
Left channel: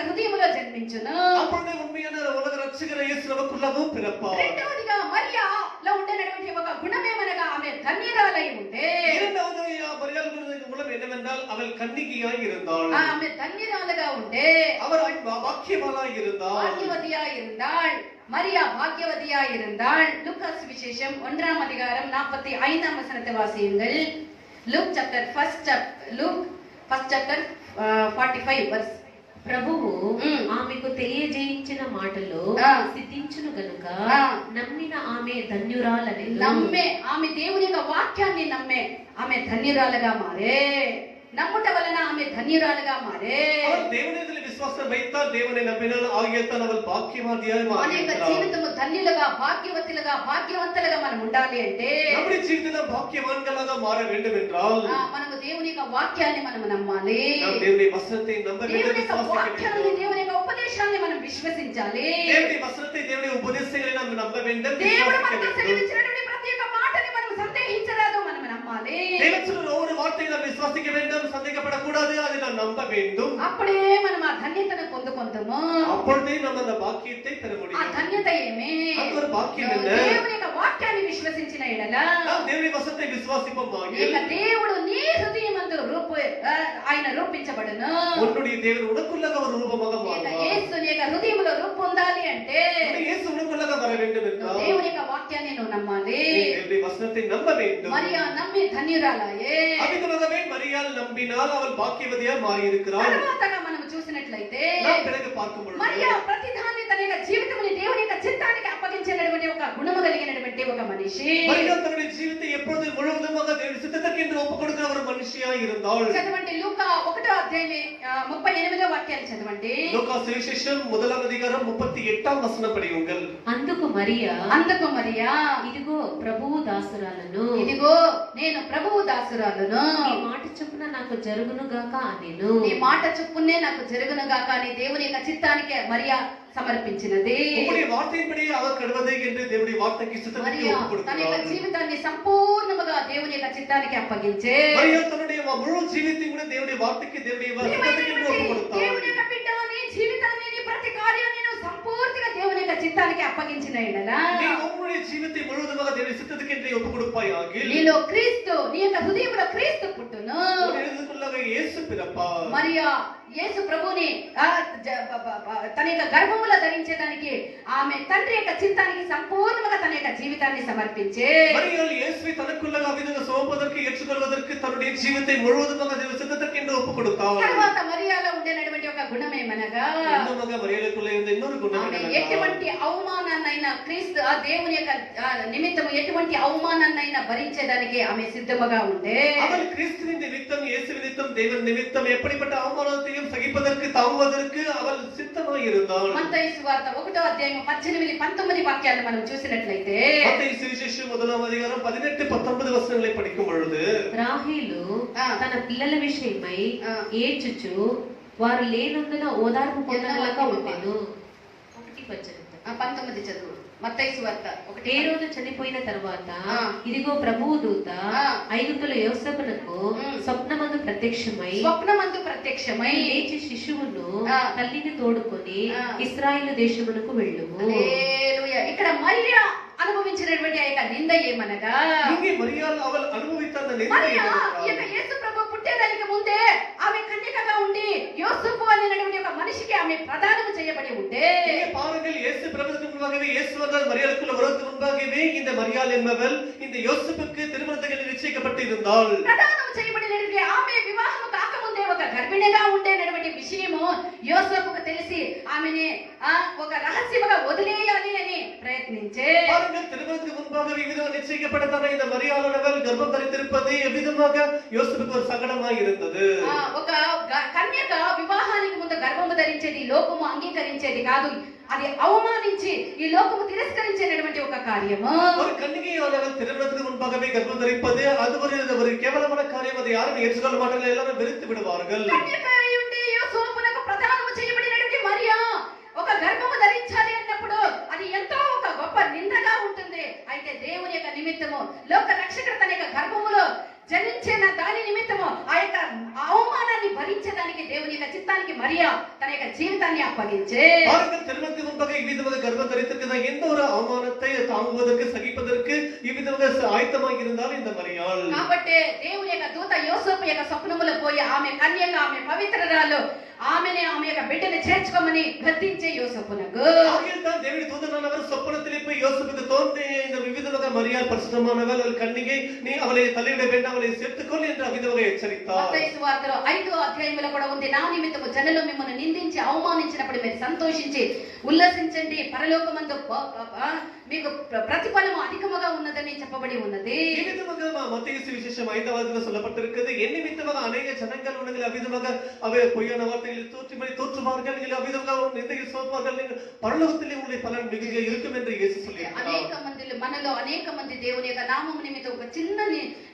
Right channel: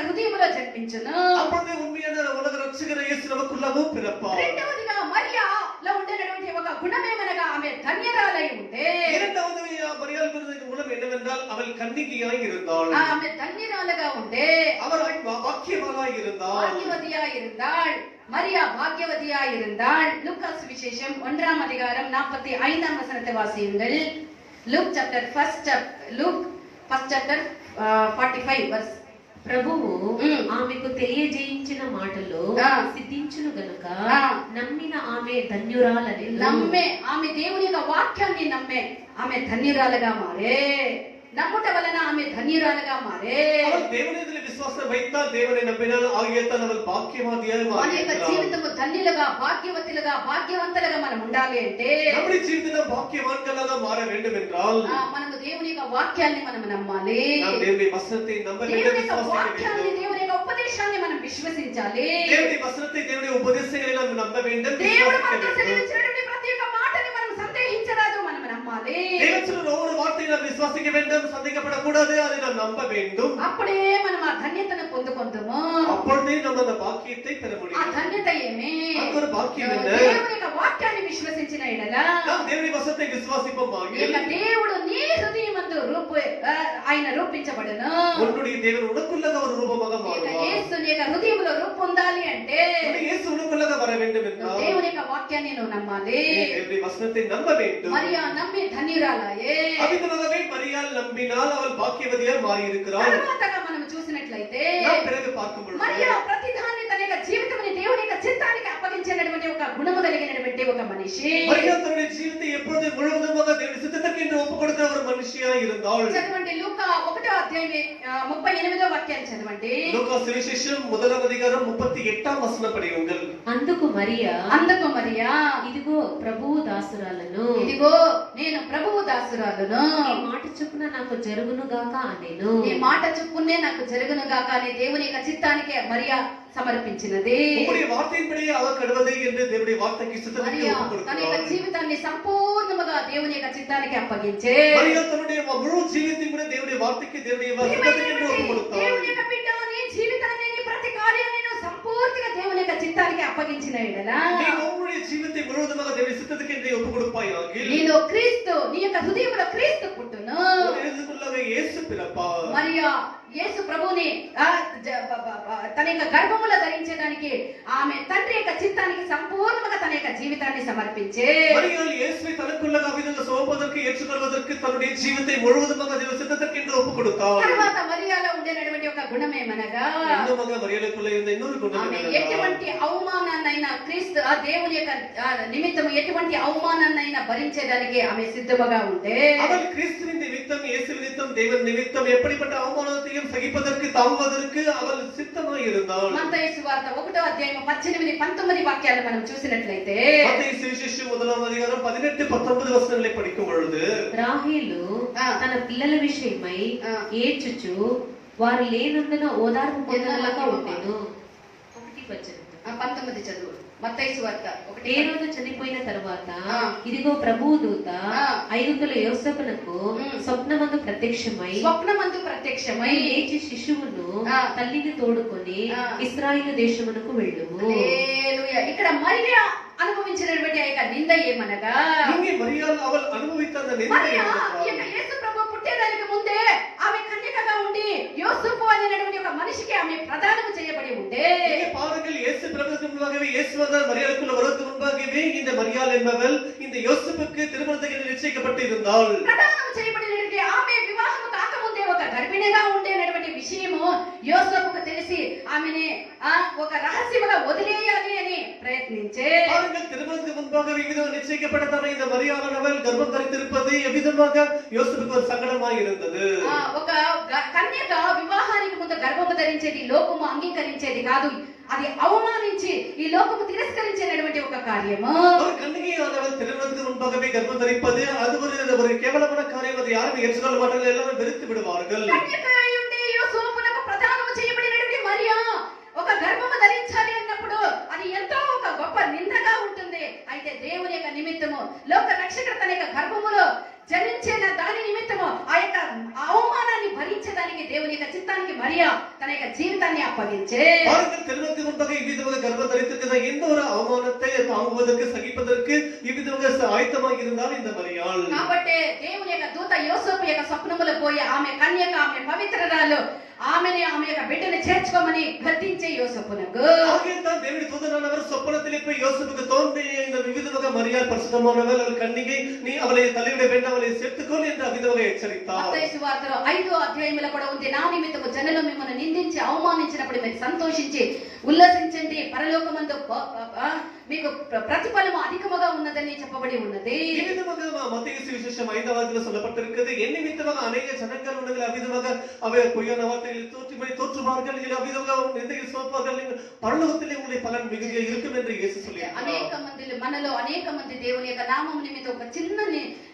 హృదయంలో జన్మించును. அப்பொழுது உண்மையான உலக ரட்சகர் இயேசு நமக்குள்ளவும் பிறப்பார். రెండవదిగా మరియాలో ఉండేటువంటి ఒక గుణమేమనగా ఆమె ధన్యరాలై ఉండే. இரண்டாவது மரியாளுக்கு மூலம் என்னவென்றால் அவள் கன்னிகையாய் இருந்தாள். ఆమె ధన్యరాలుగా ఉండే. அவள் பாக்கியவாளாய் இருந்தாள். భాగ్యవతియాய் இருந்தாள். మరియా భాగ్యవతిயாய் இருந்தாள். லூகாஸ் விசேஷம் 1ஆம் அதிகாரம் 45ஆம் வசனத்தை வாசியுங்கள். Luke chapter 1 chapter 45 verse ప్రభువు ఉమ్. ఆమెకు తెలియజేయించిన మాటలు ఆ. సిద్ధించును గనుక ఆ. నమ్మిన ఆమె ధన్యురాలని నమ్మే ఆమె దేవుని యొక్క వాక్యాన్ని నమ్మే ఆమె ధన్యురాలుగా మారే. నమ్ముట వలన ఆమె ధన్యురాలుగా మారే. அவள் தேவனிடத்தில் விசுவாசம் வைத்தால், தேவனை நம்பினால் ஆகியத்தால் அவள் பாக்கியவாதியாக మన యొక్క மாறியிருக்கிறாள். జీవితము ధన్యులుగా భాగ్యవతులుగా భాగ్యవంతులుగా మనం ఉండాలి అంటే நம்முடைய ஜீவிதத்தில் பாக்கியவான்களாக மாற வேண்டும் என்றால் మనము దేవుని యొక్క వాక్యాన్ని మనం నమ్మాలి. நாம் தேவனுடைய வசனத்தை நம்ப வேண்டும், దేవుని యొక్క விசுவாசிக்க వాక్యాన్ని வேண்டும். దేవుని యొక్క ఉపదేశాన్ని మనం విశ్వసించాలి. தேவனுடைய வசனத்தை, தேவனுடைய உபதேசங்களை நாம் நம்ப வேண்டும், దేవుడు விசுவாசிக்க మనకు வேண்டும். సెలవిచ్చినటువంటి ప్రతి ఒక్క మాటని మనం సందేహించరాదు, మనం నమ్మాలి. தேவன் சொல்லுகிற ஒவ்வொரு வார்த்தையை நாம் விசுவாசிக்க வேண்டும், சந்தேகப்படக்கூடாது, அதை நாம் நம்ப வேண்டும். అప్పుడే మనం ఆ ధన్యతను పొందుకుంటాము. அப்பொழுதே நம்ம அந்த பாக்கியத்தை பெற ఆ முடியும். ధన్యత ఏమి? அது ஒரு பாக்கியம் என்ன? దేవుని యొక్క వాక్యాన్ని విశ్వసించిన ఎడల நாம் தேவனுடைய வசனத்தை விசுவாசிப்போமாக ఇక దేవుడు నీ హృదయమందు ఆయన రూపించబడును. உன்னுடைய தேவன் உனக்குள்ளாக ஒரு ரூபமாக ఇక மாறுவார். యేసు నీ యొక్క హృదయములో రూపొందాలి అంటే உன்னுடைய இயேசு உனக்குள்ளாக வர வேண்டும் என்றால் దేవుని యొక్క వాక్యాన్ని నువ్వు నమ్మాలి. நீ தேவனுடைய வசனத்தை நம்ப வேண்டும். మరియా నమ్మి ధన్యురాలాయే. அவிதமாகவே மரியாள் நம்பினால் அவள் பாக்கியவதியாய் மாறி இருக்கிறாள். తర్వాతగా మనం చూసినట్లయితే நாம் பிறகு பார்க்கும் பொழுது మరియా ప్రతిదాన్ని తన యొక్క జీవితముని దేవుని యొక్క చిత్తానికి అప్పగించినటువంటి ఒక గుణము కలిగినటువంటి ఒక మనిషి. மரியாள் தன்னுடைய ஜீவித்தை எப்பொழுதும் முழுவதுமாக தேவனுடைய சித்தத்துக்கு என்று ஒப்புக் கொடுக்கிற ஒரு மனுஷியாய் இருந்தாள். చదవండి లూకా 1వ అధ్యాయమే 38వ వాక్యాన్ని చదవండి. லூக்கா சுவிசேஷம் 1వ அதிகாரம் 38వ వచనం படியுங்கள். అందుకు మరియా మరియా ఇదిగో ప్రభువు దాసురాలను, ఇదిగో నేను ప్రభువు దాసురాలను, నీ మాట చొప్పున నాకు జరుగును గాక అనెను. నీ మాట చొప్పునే నాకు జరుగును గాక అని దేవుని యొక్క చిత్తానికి మరియా సమర్పించినది. உம்முடைய வார்த்தையின்படி அவர் கடுவதே என்று தேவனுடைய வார்த்தைக்கு சித்தத்துக்கு మరియా ஒப்புக் తన యొక్క கொடுக்கிறாள். జీవితాన్ని సంపూర్ణముగా దేవుని యొక్క చిత్తానికి అప్పగించే மரியாள் தன்னுடைய முழு ஜீவித்தையும் கூட தேவனுடைய வார்த்தைக்கு, தேவனுடைய சித்தத்துக்கு என்று ஒப்புக் கொடுத்தாள். దేవుని యొక్క బిడ్డ నీ జీవితాన్ని నీ ప్రతి కార్యాన్ని నువ్వు సంపూర్తిగా దేవుని యొక్క చిత్తానికి అప్పగించిన ఎడల நீ உன்னுடைய ஜீவித்தை முழுவதுமாக தேவனுடைய சித்தத்துக்கு என்று ஒப்புக் கொடுப்பாயாக. నీలో క్రీస్తు, నీ యొక్క హృదయంలో క్రీస్తు పుట్టును. உன்னுடைய இயேசு பிறப்பார். మరియా యేసు ప్రభుని తన యొక్క గర్భములో ధరించేదానికి ఆమె తండ్రి యొక్క చిత్తానికి సంపూర్ణంగా తన యొక్క జీవితాన్ని సమర్పించే. மரியாள் இயேசுவை தனக்குள்ளாக அவிதமாக சுமப்பதற்கு, ஏற்றுக்கொள்வதற்கு தன்னுடைய ஜீவித்தை முழுவதுமாக தேவ சித்தத்துக்கு என்று ஒப்புக் கொடுத்தாள். తర్వాత మరియాలో ఉండేటువంటి ఒక గుణం ఏమనగా இன்னுமாக மரியாளுக்குள்ளே இருந்த இன்னொரு குணம் ఆమె என்னவென்றால், ఎటువంటి అవమానాన్నైనా క్రీస్తు ఆ దేవుని యొక్క నిమిత్తం ఎటువంటి అవమానాన్నైనా భరించేదానికి ఆమె సిద్ధముగా ఉండే. அவள் கிறிஸ்துவின் நிமித்தம், இயேசு நிமித்தம், தேவன் நிமித்தம் எப்படிப்பட்ட அவமானத்தையும் சகிப்பதற்கு, தாங்குவதற்கு அவள் சித்தமாய் இருந்தாள். మత్తయి సువార్త 1వ అధ్యాయం 18 19 వాక్యాలు మనం చూసినట్లయితే மத்தேயு சுவிசேஷம் 1వ அதிகாரம் 18 19 వచనాలను படிக்கும் பொழுது రాహేలు తన పిల్లల విషయమై ఏడ్చుచు వారు లేనందున ఓదార్పు పొందగలక ఉండెను. 19 చదువు. మత్తయి సువార్త ఏ రోజు చనిపోయిన తర్వాత ఆ. ఇదిగో ప్రభువు దూత ఆ. ఐగుప్తుల యోసేపునకు స్వప్నమందు ప్రత్యక్షమై స్వప్నమందు ప్రత్యక్షమై లేచి శిశువును ఆ. తల్లిని తోడుకొని ఆ. ఇశ్రాయేలు దేశమునకు వెళ్ళుము. హల్లెలూయా. ఇక్కడ మరియా అనుభవించినటువంటి ఆ యొక్క నింద ఏమనగా இங்கே மரியாள் அவள் அனுபவித்த அந்த நிந்தை మరియా ఈ యొక్క என்னவென்றால், యేసు ప్రభు పుట్టేదానికి ముందే ఆమె కన్యకగా ఉండి యోసేపు అనేటువంటి ఒక మనిషికి ఆమె ప్రదానం చేయబడి ఉంటే இங்கே பாருங்கள், இயேசு பிறந்ததற்கு முன்பாகவே, இயேசுவால் மரியாளுக்குள்ள வருவதற்கு முன்பாகவே இந்த மரியாள் என்பவள் இந்த யோசேப்புக்கு திருமணத்துக்கு நிச்சயிக்கப்பட்டு இருந்தாள். ప్రదానం చేయబడినటువంటి ఆమె వివాహము కాకముందే ఒక గర్భిణిగా ఉండేటువంటి విషయము యోసేపుకు తెలిసి ఆమెని ఒక రహస్యముగా వదిలేయాలి అని ప్రయత్నించే. பாருங்கள், திருமணத்துக்கு முன்பாகவே இவ்விதமாக நிச்சயிக்கப்பட்டதான இந்த மரியாளானவள் கர்ப்பம் தரித்திருப்பது எவ்விதமாக யோசேப்புக்கு ஒரு சங்கடமாய் இருந்தது. ఒక కన్యక వివాహానికి ముందు గర్భము ధరించేది లోకము అంగీకరించేది కాదు, అది అవమానించి ఈ లోకము తిరస్కరించేటువంటి ఒక కార్యము. ஒரு கன்னிகையானவள் திருமணத்துக்கு முன்பாகவே கர்ப்பம் தரிப்பது அது ஒரு கேவலமான காரியம். அதை யாரும் ஏற்றுக்கொள்ள மாட்டார்கள், எல்லாரும் வெறுத்து விடுவார்கள். కన్యక అయి ఉండి యోసేపునకు ప్రదానము చేయబడినటువంటి మరియా ఒక గర్భము ధరించాలి అన్నప్పుడు అది ఎంతో ఒక గొప్ప నిందగా ఉంటుంది. అయితే దేవుని యొక్క నిమిత్తము లోక రక్షకుడు తన యొక్క గర్భములో జనించిన దాని నిమిత్తము ఆ యొక్క అవమానాన్ని భరించడానికి దేవుని యొక్క చిత్తానికి మరియా తన యొక్క జీవితాన్ని అప్పగించే. பாருங்கள், திருமணத்துக்கு முன்பாக இவ்விதமாக கர்ப்பம் தரித்திருக்கிற எந்த ஒரு அவமானத்தை தாங்குவதற்கு, சகிப்பதற்கு இவ்விதமாக ஆயத்தமாக இருந்தால் இந்த மரியாள். కాబట్టి దేవుని యొక్క దూత యోసేపు యొక్క స్వప్నములో పోయి ఆమె కన్యక, ఆమె పవిత్రరాలు, ఆమెనే ఆమె యొక్క బిడ్డను చేర్చుకోమని గద్దించే యోసేపునకు ஆகையால் தேவனுடைய தூதனானவர் சொப்பனத்திலே போய் யோசேப்புக்கு தோன்றி இந்த விதமாக மரியாள் பரிசுத்தமானவள் அவள் கன்னிகை நீ அவளை தள்ளிவிட வேண்டாம் அவளை சேர்த்துக்கொள் என்று அவ்விதமாக எச்சரித்தார். మత్తయి సువార్తలో 5వ అధ్యాయంలో కూడా ఉంది, నా నిమిత్తము జనులు మిమ్మల్ని నిందించి అవమానించినప్పుడు మీరు సంతోషించి ఉల్లసించండి, పరలోకమందు మీకు ప్రతిఫలము అధికముగా ఉన్నదని చెప్పబడి ఉన్నది. ఈ విధముగా మత్తయి సువిశేషం 5వ అధ్యాయంలో சொல்லப்பட்டிருக்கிறது. என் நிமித்தமாக அநேக ஜனங்கள் உங்களை அவ்விதமாக அவை பொய்யான வார்த்தைகளை தோற்றுவார்கள், அவ்விதமாக நிந்தையில் சோப்பார்கள், பரலோகத்திலே உங்களுடைய பலன் மிகுதியாக இருக்கும் என்று இயேசு சொல்லியிருக்கிறார். అనేక మంది మనలో అనేక మంది దేవుని యొక్క నామం నిమిత్తం ఒక చిన్న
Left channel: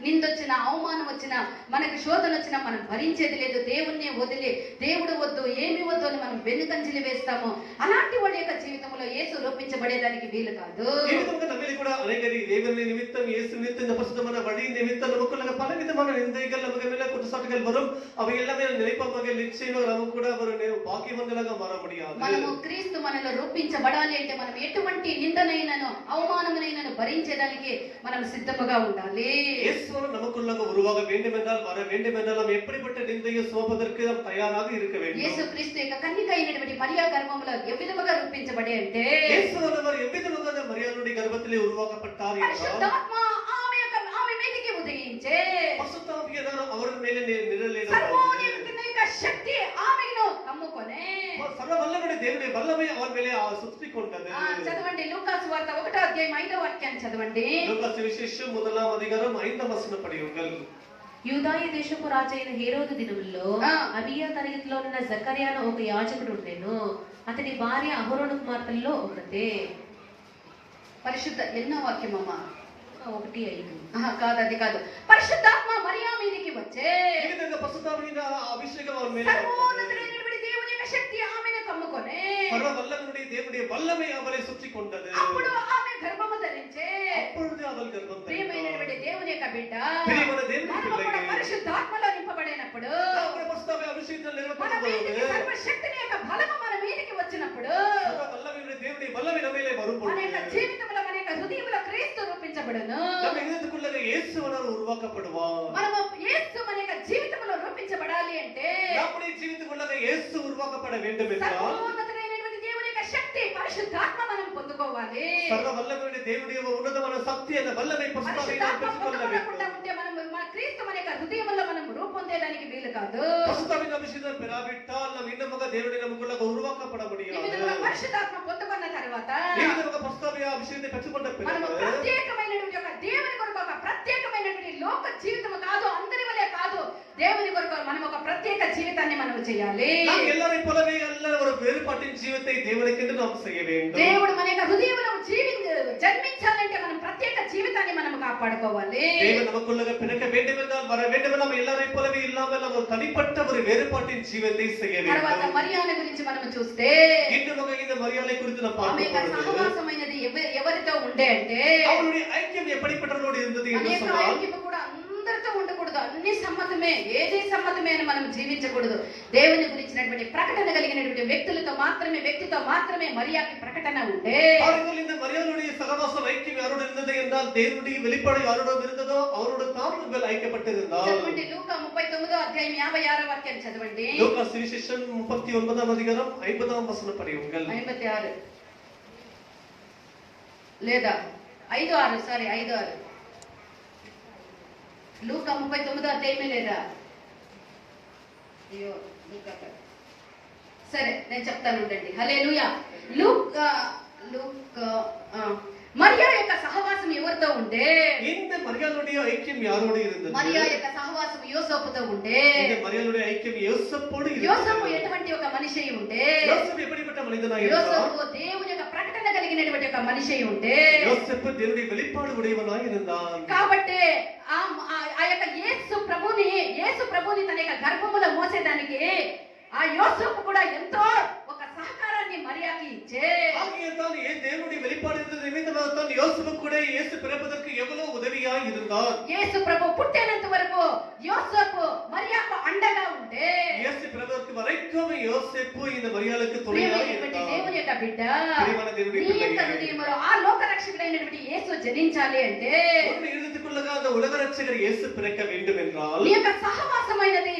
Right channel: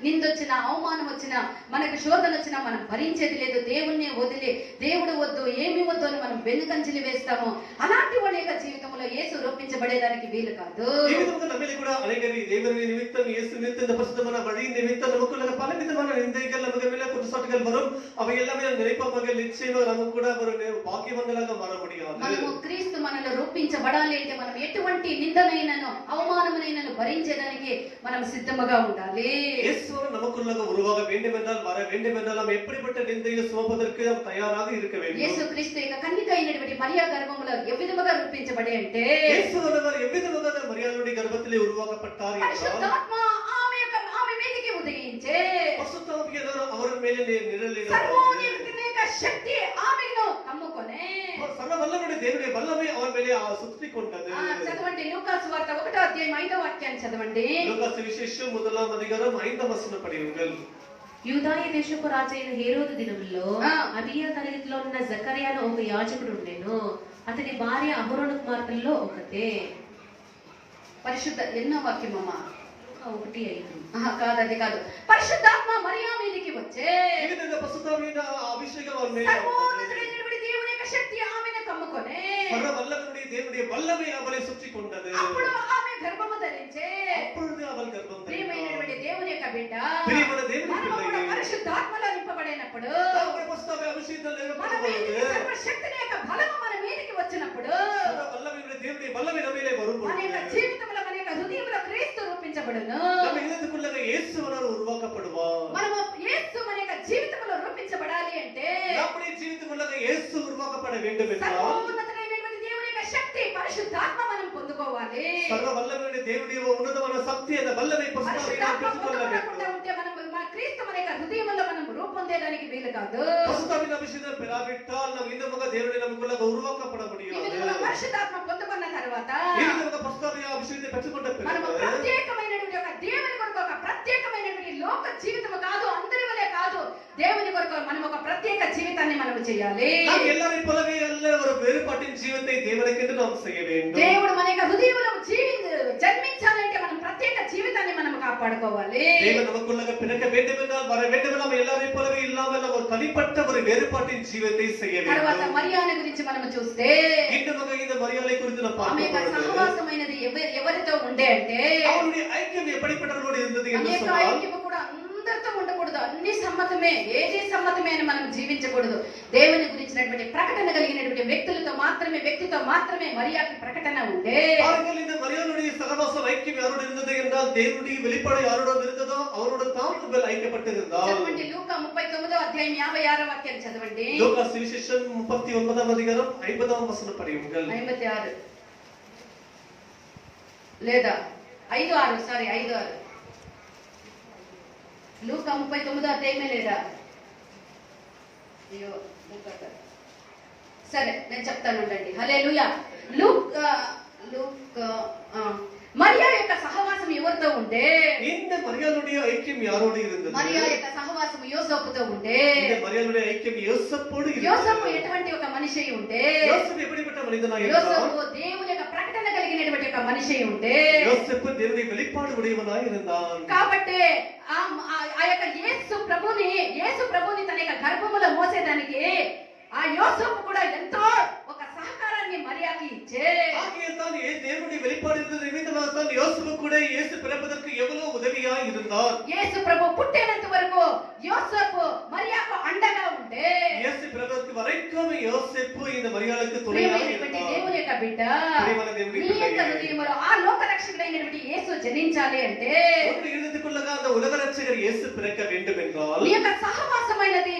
నిందొచ్చినా అవమానం వచ్చినా మనకు శోధన వచ్చినా మనం భరించేది లేదు. దేవుణ్ణి వదిలి దేవుడు వద్దు ఏమి వద్దు అని మనం వెనుకంజలి వేస్తాము. అలాంటి వాళ్ళ యొక్క జీవితంలో యేసు రూపించబడేదానికి వీలు కాదు. ఈ విధంగా நம்மிலே கூட அநேகரி தேவனை நிமித்தம் இயேசு நிமித்தம் இந்த பரிசுத்தமான வழி நிமித்தம் நமக்குள்ள பல விதமான நிந்தைகள் நமக்கு மேல குற்றச்சாட்டுகள் வரும். அவை எல்லாமே நினைப்பமாக நிச்சயமாக நமக்கு கூட ஒரு பாக்கியவங்களாக மாற முடியாது. మనము క్రీస్తు మనలో రూపించబడాలి అంటే మనం ఎటువంటి నిందనైనను అవమానమునైనను భరించేదానికి మనం సిద్ధముగా ఉండాలి. இயேசு நமக்குள்ள உருவாக வேண்டும் என்றால் வர வேண்டும் என்றால் நாம் எப்படிப்பட்ட நிந்தையை சுமப்பதற்கு நாம் தயாராக இருக்க வேண்டும். యేసు క్రీస్తు యొక్క కన్యక అయినటువంటి మరియా గర్భములో ఏ విధముగా రూపించబడి అంటే இயேசு அவர் எவ்விதமாக மரியாளுடைய கர்ப்பத்திலே உருவாக்கப்பட்டார் என்றால் పరిశుద్ధాత్మ ఆమె మీదకి ఉదయించే பரிசுத்தாவியானவர் அவர் மேலே நிழலிட்டார். సర్వోన్నతుని యొక్క శక్తి ఆమెను కమ్ముకొనే సర్వవల్లనుடைய దేవుని వల్లమే அவர் மேலே சுற்றி கொண்டது. చదవండి లూకా సువార్త 1వ అధ్యాయం 5వ వాక్యాన్ని చదవండి. లూకా సువిశేషం 1వ అధ్యాయం 5వ వచనం படியுங்கள். యూదాయ దేశపు రాజైన హేరోదు దినములో అబియా తరగతిలో ఉన్న జకర్యాను ఒక యాజకుడు ఉండెను. అతని భార్య అహరోను కుమార్తెల్లో ఒకతే. పరిశుద్ధ ఎన్నో వాక్యం అమ్మా 1:5 కాదు, అది కాదు. పరిశుద్ధాత్మ మరియా మీదకి వచ్చే ఈ విధంగా పరిశుద్ధాత్మ అభిషేకం அவர் மேலே సర్వోన్నతుడైనటువంటి దేవుని యొక్క శక్తి ఆమెను కమ్ముకొనే సర్వవల్లనుடைய దేవుடைய వల్లమే அவளை சுற்றி கொண்டது. అప్పుడు ఆమె గర్భము ధరించే. அப்பொழுது அவள் கர்ப்பம் ప్రియమైనటువంటి దేవుని యొక్క బిడ్డ ప్రియమైన దేవుని పిల్లలు పరిశుద్ధాత్మలో నింపబడినప్పుడు పరిశుద్ధాత్మ అభిషేకంలో మన నింపబడినప్పుడు మీదకి సర్వశక్తిని యొక్క బలము మన మీదకి వచ్చినప్పుడు సర్వవల్లనుடைய దేవుடைய వల్లమే நம்மிலே வரும்பொழுது మన యొక్క జీవితంలో మన యొక్క హృదయంలో క్రీస్తు రూపించబడును. நம்ம இதயத்துக்குள்ள இயேசுவானவர் உருவாக்கப்படுவார். మనము యేసు మన యొక్క జీవితంలో రూపించబడాలి అంటే நம்முடைய ஜீவித்துக்குள்ள இயேசு உருவாக்கப்பட வேண்டும் என்றால் సర్వోన్నతుడైనటువంటి దేవుని యొక్క శక్తి పరిశుద్ధాత్మ మనం పొందుకోవాలి. సర్వవల్లనుடைய దేవుடைய ఉన్నతమైన శక్తి అన్న వల్లమే పరిశుద్ధాత్మ పెట్టుకొల్ల வேண்டும். ఉంటే మనం మన క్రీస్తు మన యొక్క హృదయంలో మనం రూపొందేదానికి వీలు కాదు. పరిశుద్ధాత్మ అభిషేకం பெறாவிட்டால் நாம் இன்னமுக தேவனுடைய நமக்குள்ள உருவாக்கப்பட ఈ முடியாது. విధంగా పరిశుద్ధాత్మ పొందుకున్న తర్వాత ఈ విధంగా పరిశుద్ధాత్మ అభిషేకం పెట్టుకొన్న మనము పిల్లలు ప్రత్యేకమైనటువంటి ఒక దేవుని కొరకు ఒక ప్రత్యేకమైనటువంటి లోక జీవితం కాదు, అందరి వలె కాదు, దేవుని కొరకు మనం ఒక ప్రత్యేక జీవితాన్ని మనం చేయాలి. நாம் எல்லாரையும் போலவே அல்ல ஒரு வேறுபாட்டின் ஜீவத்தை தேவனுக்கென்று நாம் செய்ய வேண்டும். దేవుడు మన యొక్క హృదయంలో జన్మించాలంటే మనం ప్రత్యేక జీవితాన్ని మనం కాపాడుకోవాలి. தேவன் நமக்குள்ள பிறக்க வேண்டும் என்றால் வர வேண்டும் என்றால் நாம் எல்லாரையும் போலவே இல்லாமல் நம்ம ஒரு தனிப்பட்ட ஒரு வேறுபாட்டின் ஜீவத்தை செய்ய తర్వాత வேண்டும். మరియాను గురించి మనం చూస్తే இன்னும் இந்த மரியாதை குறித்து நாம் ఆమె యొక్క பார்க்கிறோம். సహవాసమైనది ఎవరితో ఉండే అంటే அவருடைய ஐக்கியம் எப்படிப்பட்டவர்களோடு இருந்தது என்று అనేక சொன்னால் ఐక్యము కూడా అందరితో ఉండకూడదు. అన్ని సమ్మతమే, ఏది సమ్మతమే అని మనం జీవించకూడదు. దేవుని గురించినటువంటి ప్రకటన కలిగినటువంటి వ్యక్తితో మాత్రమే మరియాకి ప్రకటన ఉండే. பாருங்கள், இந்த மரியாளுடைய சகவாசம் ஐக்கியம் யாரோடு இருந்தது என்றால் தேவனுடைய வெளிப்பாடு யாரோடு இருந்ததோ அவரோடு தான் இவர்கள் ஐக்கியப்பட்டிருந்தார். చదవండి లూకా 39వ అధ్యాయం 56వ వాక్యాన్ని చదవండి. லூக்கா சுவிசேஷம் 39వ அதிகாரம் 50వ వచనం படியுங்கள். 56 లేదా 5:6 సారీ 5:6 లూకా 39వ అధ్యాయమే లేదా? అయ్యో సరే నేను చెప్తాను ఉండండి. హల్లెలూయా. మరియా యొక్క సహవాసం ఎవరితో ఉంటే இந்த மரியாளுடைய ஐக்கியம் யாரோடு இருந்தது? మరియా యొక్క సహవాసం యోసేపుతో ఉంటే. இந்த மரியாளுடைய ஐக்கியம் யோசேப்போடு యోసేపు இருந்தது. ఎటువంటి ఒక మనిషి ఉంటే யோசேப்பு எப்படிப்பட்ட மனிதனாக இருந்தார்? యోసేపు దేవుని యొక్క ప్రకటన కలిగినటువంటి ఒక మనిషి ఉంటే. யோசேப்பு தேவனுடைய வெளிப்பாடு உடையவனாக இருந்தார். కాబట్టి ఆ యొక్క యేసు ప్రభుని తన యొక్క గర్భములో మోసేదానికి ఆ యోసేపు కూడా ఎంతో ఒక సహకారాన్ని మరియాకి ఇచ్చే. ஆகையால் தான் தேவனுடைய வெளிப்பாடு இருந்தது நிமித்தமாக தான் யோசேப்பு கூட இயேசு பிறப்பதற்கு எவ்வளவு உதவியாக இருந்தார். యేసు ప్రభు పుట్టేంత వరకు యోసేపు మరియాకు అండగా ఉంటే. இயேசு பிறப்பதற்கு வரைக்கும் யோசேப்பு இந்த மரியாளுக்கு துணையாக இருந்தார். దేవుని యొక్క బిడ్డ ప్రియమైన దేవుని నీ యొక్క బిడ్డ హృదయంలో ఆ లోక రక్షకుడైనటువంటి యేసు జనించాలి అంటే ஒரு இருதயத்துக்குள்ளக அந்த உலக ரட்சகர் இயேசு பிறக்க வேண்டும் என்றால் నీ యొక్క సహవాసమైనది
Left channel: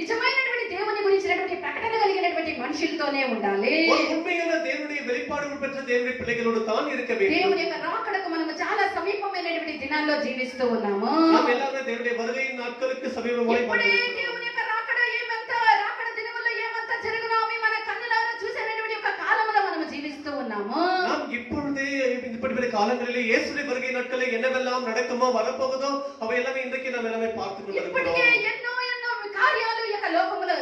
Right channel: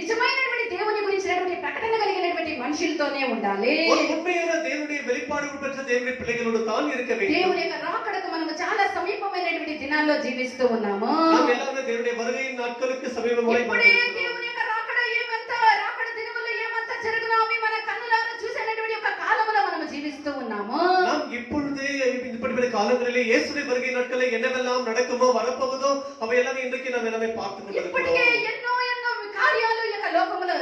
నిజమైనటువంటి దేవుని గురించి సంబంధించినటువంటి ప్రకటన కలిగినటువంటి మనుషులతోనే ఉండాలి. ஒரு உண்மையான தேவனுடைய வெளிப்பாடுகள் பெற்ற தேவனுடைய பிள்ளைகளோடு தான் இருக்க வேண்டும். దేవుని యొక్క రాకడకు మనము చాలా సమీపమైనటువంటి దినాల్లో జీవిస్తూ ఉన్నాము. நாம் எல்லாரும் தேவனுடைய வருகையின் நாட்களுக்கு சமீபமாய் ఇప్పుడే దేవుని యొక్క రాకడ ఏమంత రాకడ దినములో ఏమంత జరుగునో అవి మన కన్నులారా చూసేటువంటి యొక్క కాలములో మనము జీవిస్తూ ఉన్నాము. நாம் இப்பொழுதே இப்படிப்பட்ட காலங்களிலே இயேசுவின் வருகை நாட்களில் என்னவெல்லாம் நடக்குமோ வரப்போகுதோ அவை எல்லாமே இன்றைக்கு நாம் எல்லாமே பார்த்து ఇప్పటికే கொண்டிருக்கிறோம். ఎన్నో కార్యాలు ఈ యొక్క లోకములో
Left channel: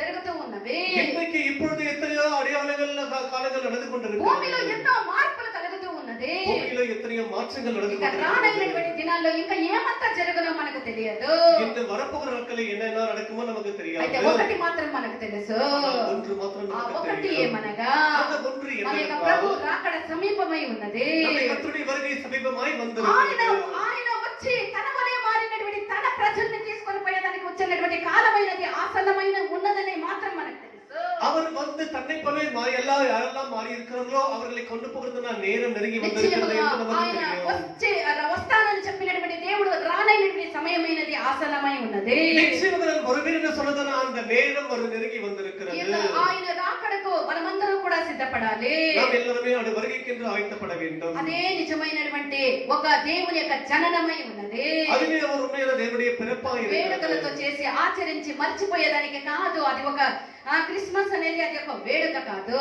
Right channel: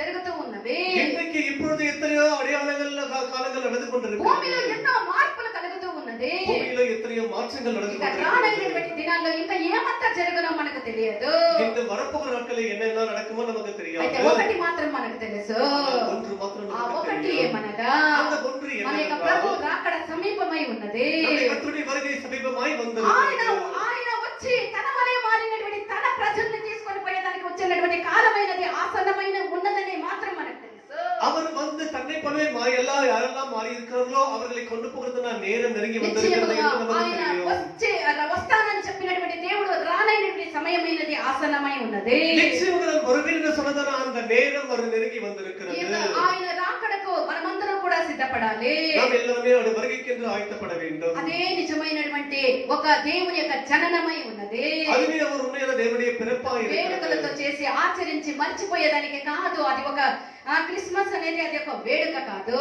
జరుగుతూ ఉన్నవి. இன்றைக்கு இப்பொழுது எத்தனையோ அடையாளங்கள் காலங்கள் நடந்து భూమిలో கொண்டிருக்கிறது. ఎన్నో మార్పులు కలుగుతూ ఉన్నది. பூமியில எத்தனையோ மாற்றங்கள் நடந்து ఇక கொண்டிருக்கிறது. రానైనటువంటి దినాల్లో ఇంకా ఏమంతా జరుగునో మనకు తెలియదు. இந்த வரப்போகிற நாட்களில் என்னென்ன நடக்குமோ நமக்கு అయితే தெரியாது. ఒకటి మాత్రం మనకు తెలుసు. ஆனால் ஒன்று மாத்திரம் ఆ நமக்கு ఒకటి தெரியும். ఏమనగా அந்த ஒன்று మన యొక్క என்னவென்றால் ప్రభు రాకడ సమీపమై ఉన్నది. நம்முடைய கர்த்தருடைய வருகை சமீபமாய் ఆయన வந்திருக்கிறது. ఆయన వచ్చి తన వలె మారినటువంటి తన ప్రజల్ని తీసుకొని పోయేదానికి వచ్చినటువంటి కాలమైనది ఆసన్నమైన ఉన్నదని మాత్రం మనకు తెలుసు. அவர் வந்து தன்னை போல யாரெல்லாம் மாறி இருக்கிறார்களோ அவர்களை கொண்டு போகிறதுனா நேரம் நெருங்கி வந்திருக்கிறது నిశ్చయముగా என்று நமக்கு ఆయన தெரியும். వస్తానని చెప్పినటువంటి దేవుడు రానైనటువంటి సమయమైనది ఆసన్నమై ఉన్నది. நிச்சயமாக வருவேன் என்று சொன்னதான அந்த நேரம் ஒரு நெருங்கி ఈ வந்திருக்கிறது. యొక్క ఆయన రాకడకు మనమందరం కూడా సిద్ధపడాలి. நாம் எல்லாருமே அவருடைய வருகைக்கென்று ஆயத்தப்பட வேண்டும். అదే నిజమైనటువంటి ఒక దేవుని యొక్క జననమై ఉన్నది. அதுவே அவர் உண்மையான தேவனுடைய பிறப்பாய் వేడుకలతో இருக்கிறது. చేసి ఆచరించి మర్చిపోయేదానికి కాదు. అది ఒక క్రిస్మస్ అనేది అది ఒక వేడుక కాదు.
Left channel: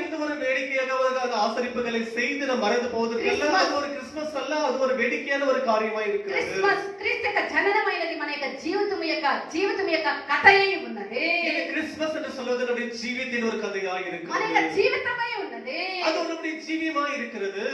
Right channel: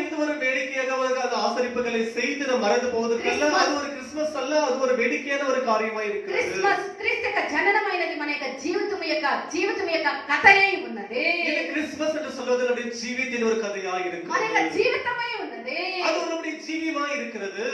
இது ஒரு வேடிக்கையாக அந்த ஆசரிப்புகளை செய்து நாம் மறந்து போவதற்கல்ல. அது ஒரு கிறிஸ்துமஸ் அல்ல, அது ஒரு வேடிக்கையான ஒரு காரியமாய் இருக்கிறது. క్రిస్మస్ క్రీస్తు యొక్క జననమైనది మన యొక్క జీవితం యొక్క కథయై ఉన్నది. இந்த கிறிஸ்துமஸ் என்று சொல்வது நம்முடைய ஜீவித்தின் ஒரு கதையாய் మన இருக்கிறது. యొక్క జీవితమై ఉన్నది. அது நம்முடைய ஜீவியமாய் இருக்கிறது.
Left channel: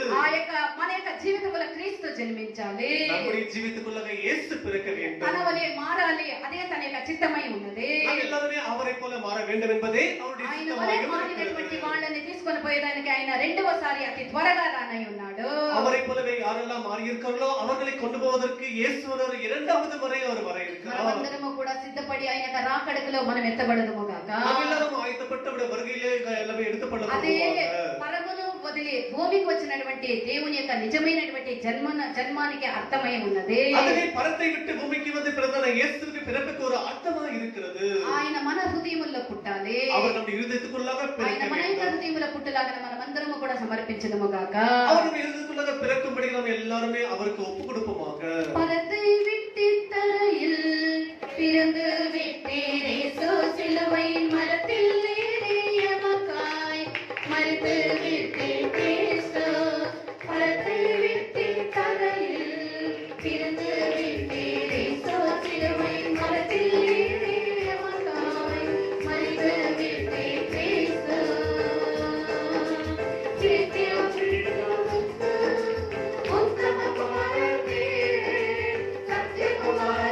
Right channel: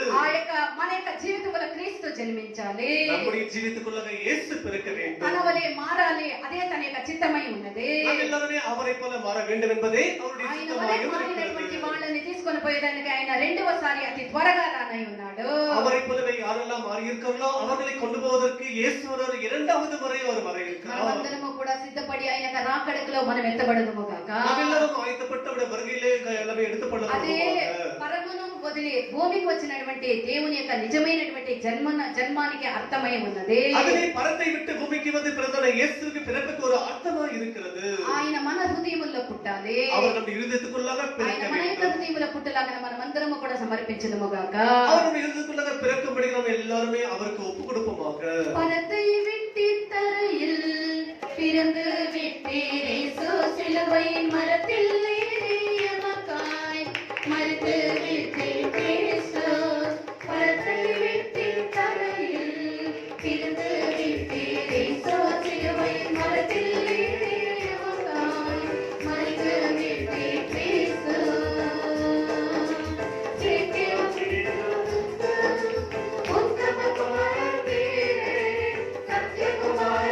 మన యొక్క జీవితంలో క్రీస్తు జన్మించాలి. நம்முடைய ஜீவித்துக்குள்ளாக இயேசு பிறக்க வேண்டும். తన వలె మారాలి. అదే తన యొక్క చిత్తమై ఉన్నది. நாம் எல்லாருமே அவரை போல மாற வேண்டும் என்பதே அவருடைய ఆయన சித்தமாக వలె మారినటువంటి இருக்கிறது. వాళ్ళని తీసుకొని పోయేదానికి ఆయన రెండవసారి అతి త్వరగా రానై ఉన్నాడు. அவரை போலவே யாரெல்லாம் மாறி இருக்கிறார்களோ அவர்களை கொண்டு போவதற்கு இயேசு ஒரு இரண்டாவது முறை அவர் வர இருக்கிறார். మనమందరము కూడా సిద్ధపడి ఆయన యొక్క రాకడకులో మనం ఎత్తబడదుము గాక. நாம் எல்லாரும் ஆயத்தப்பட்டு அவருடைய வருகையிலே எல்லாமே అదే எடுத்துக்கொள்ளப்படுவோம். పరమును వదిలి భూమికి వచ్చినటువంటి దేవుని యొక్క నిజమైనటువంటి జన్మానికి అర్థమై ఉన్నది. அதுவே பரத்தை விட்டு பூமிக்கு வந்து பிறந்த இயேசுவுக்கு பிறப்புக்கு ஒரு அர்த்தமாக இருக்கிறது. ఆయన మన హృదయముల్లో పుట్టాలి. அவர் நம்முடைய இருதயத்துக்குள்ளாக ఆయన பிறக்க మన యొక్క வேண்டும். హృదయములో పుట్టలాగా మనమందరము కూడా సమర్పించదుము గాక. அவர் நம்முடைய இருதயத்துக்குள்ளாக பிறக்கும்படி நாம் எல்லாருமே அவருக்கு ஒப்பு கொடுப்போமாக. பரத்தை விட்டு தரையில் பிறந்து விட்டீரே சிலுவையின் மரத்தில் ஏறிய மக்காய் மரித்து விட்டே கிறிஸ்து. பரத்தை விட்டு தரையில் பிறந்து விட்டீரே சிலுவையின் மரத்தில் ஏறிய மக்காய் மரித்து விட்டே கிறிஸ்து. సత్య కుమార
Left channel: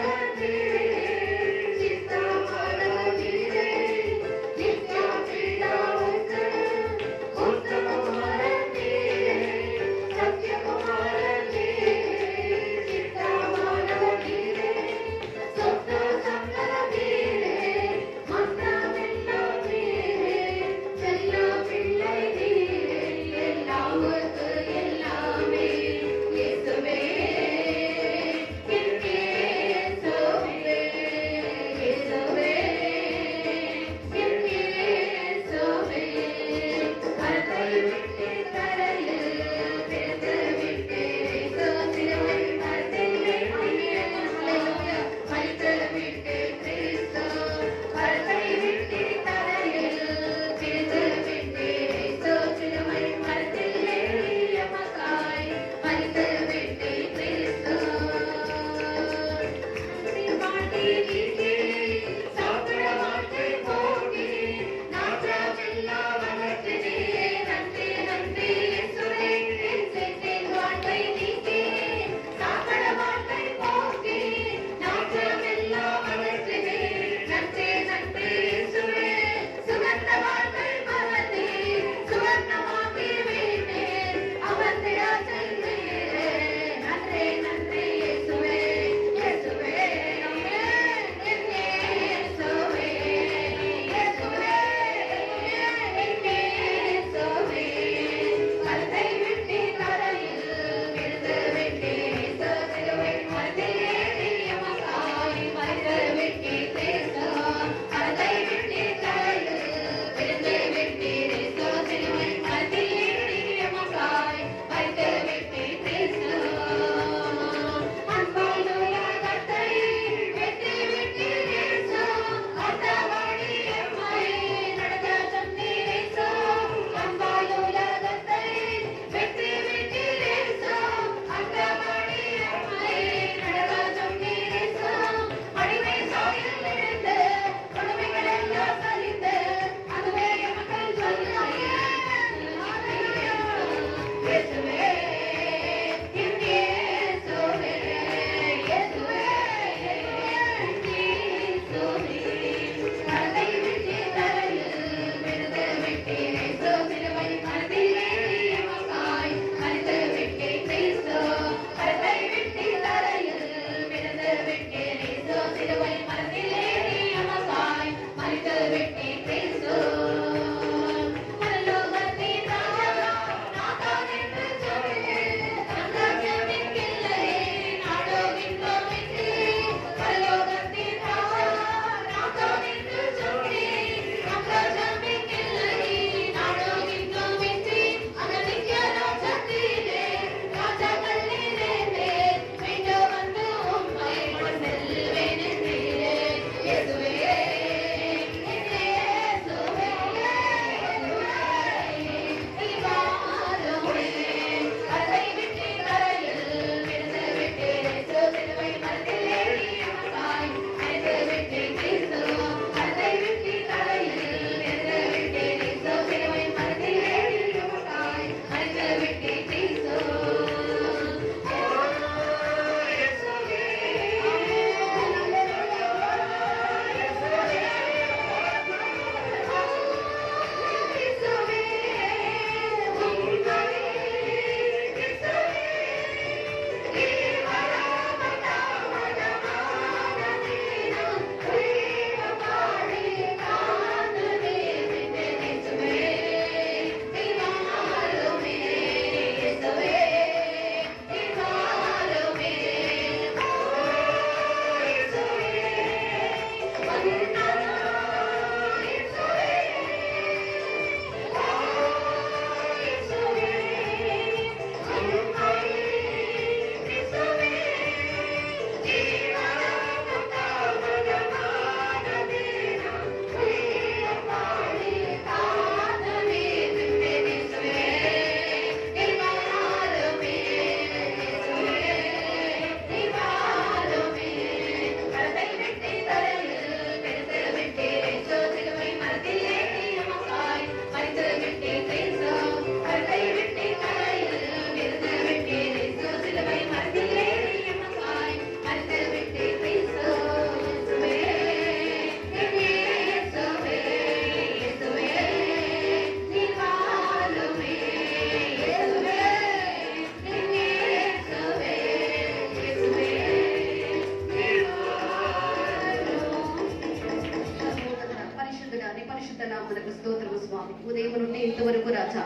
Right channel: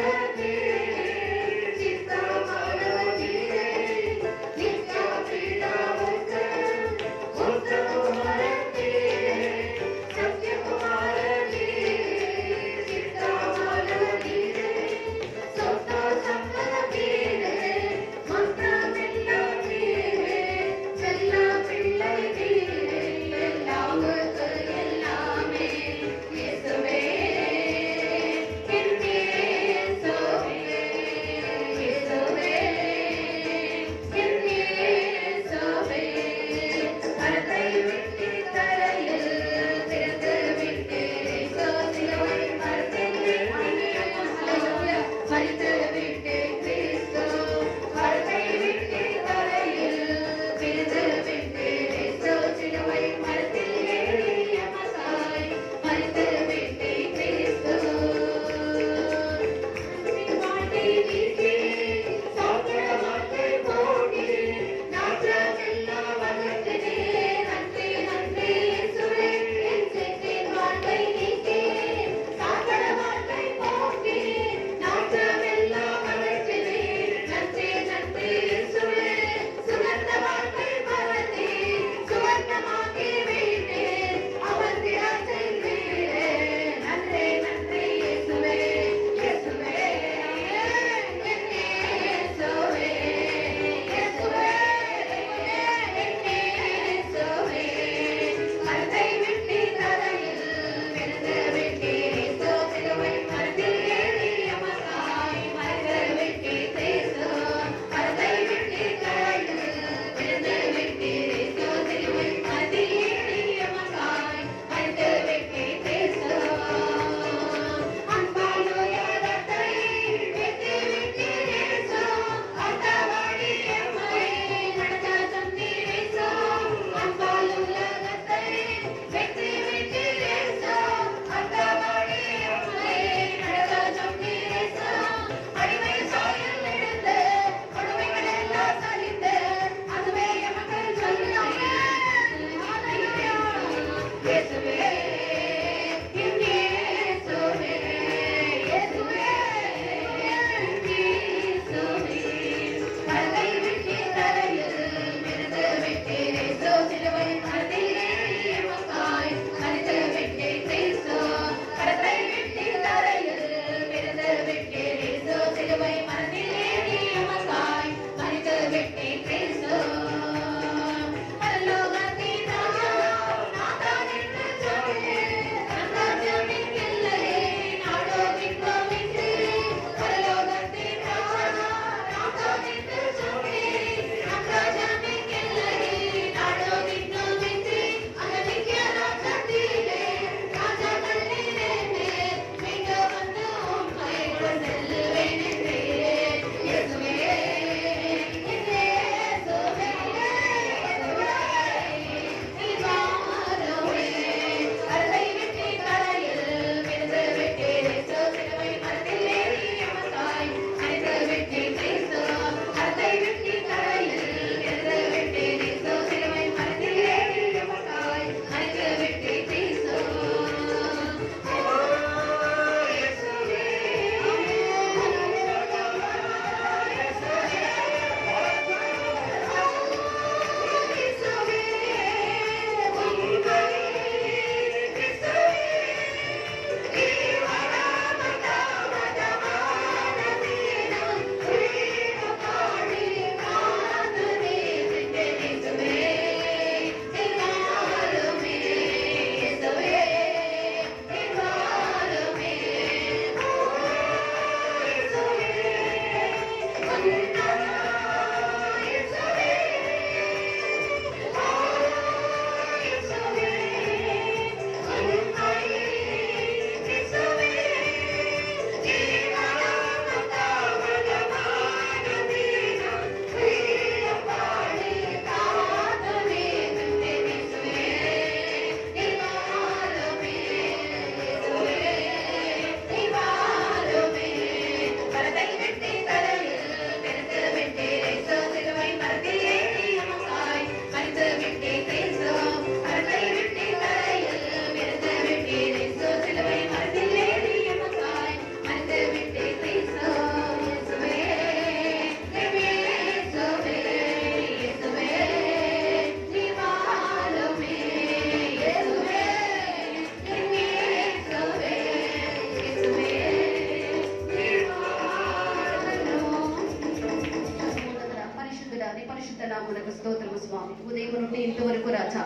రాజా.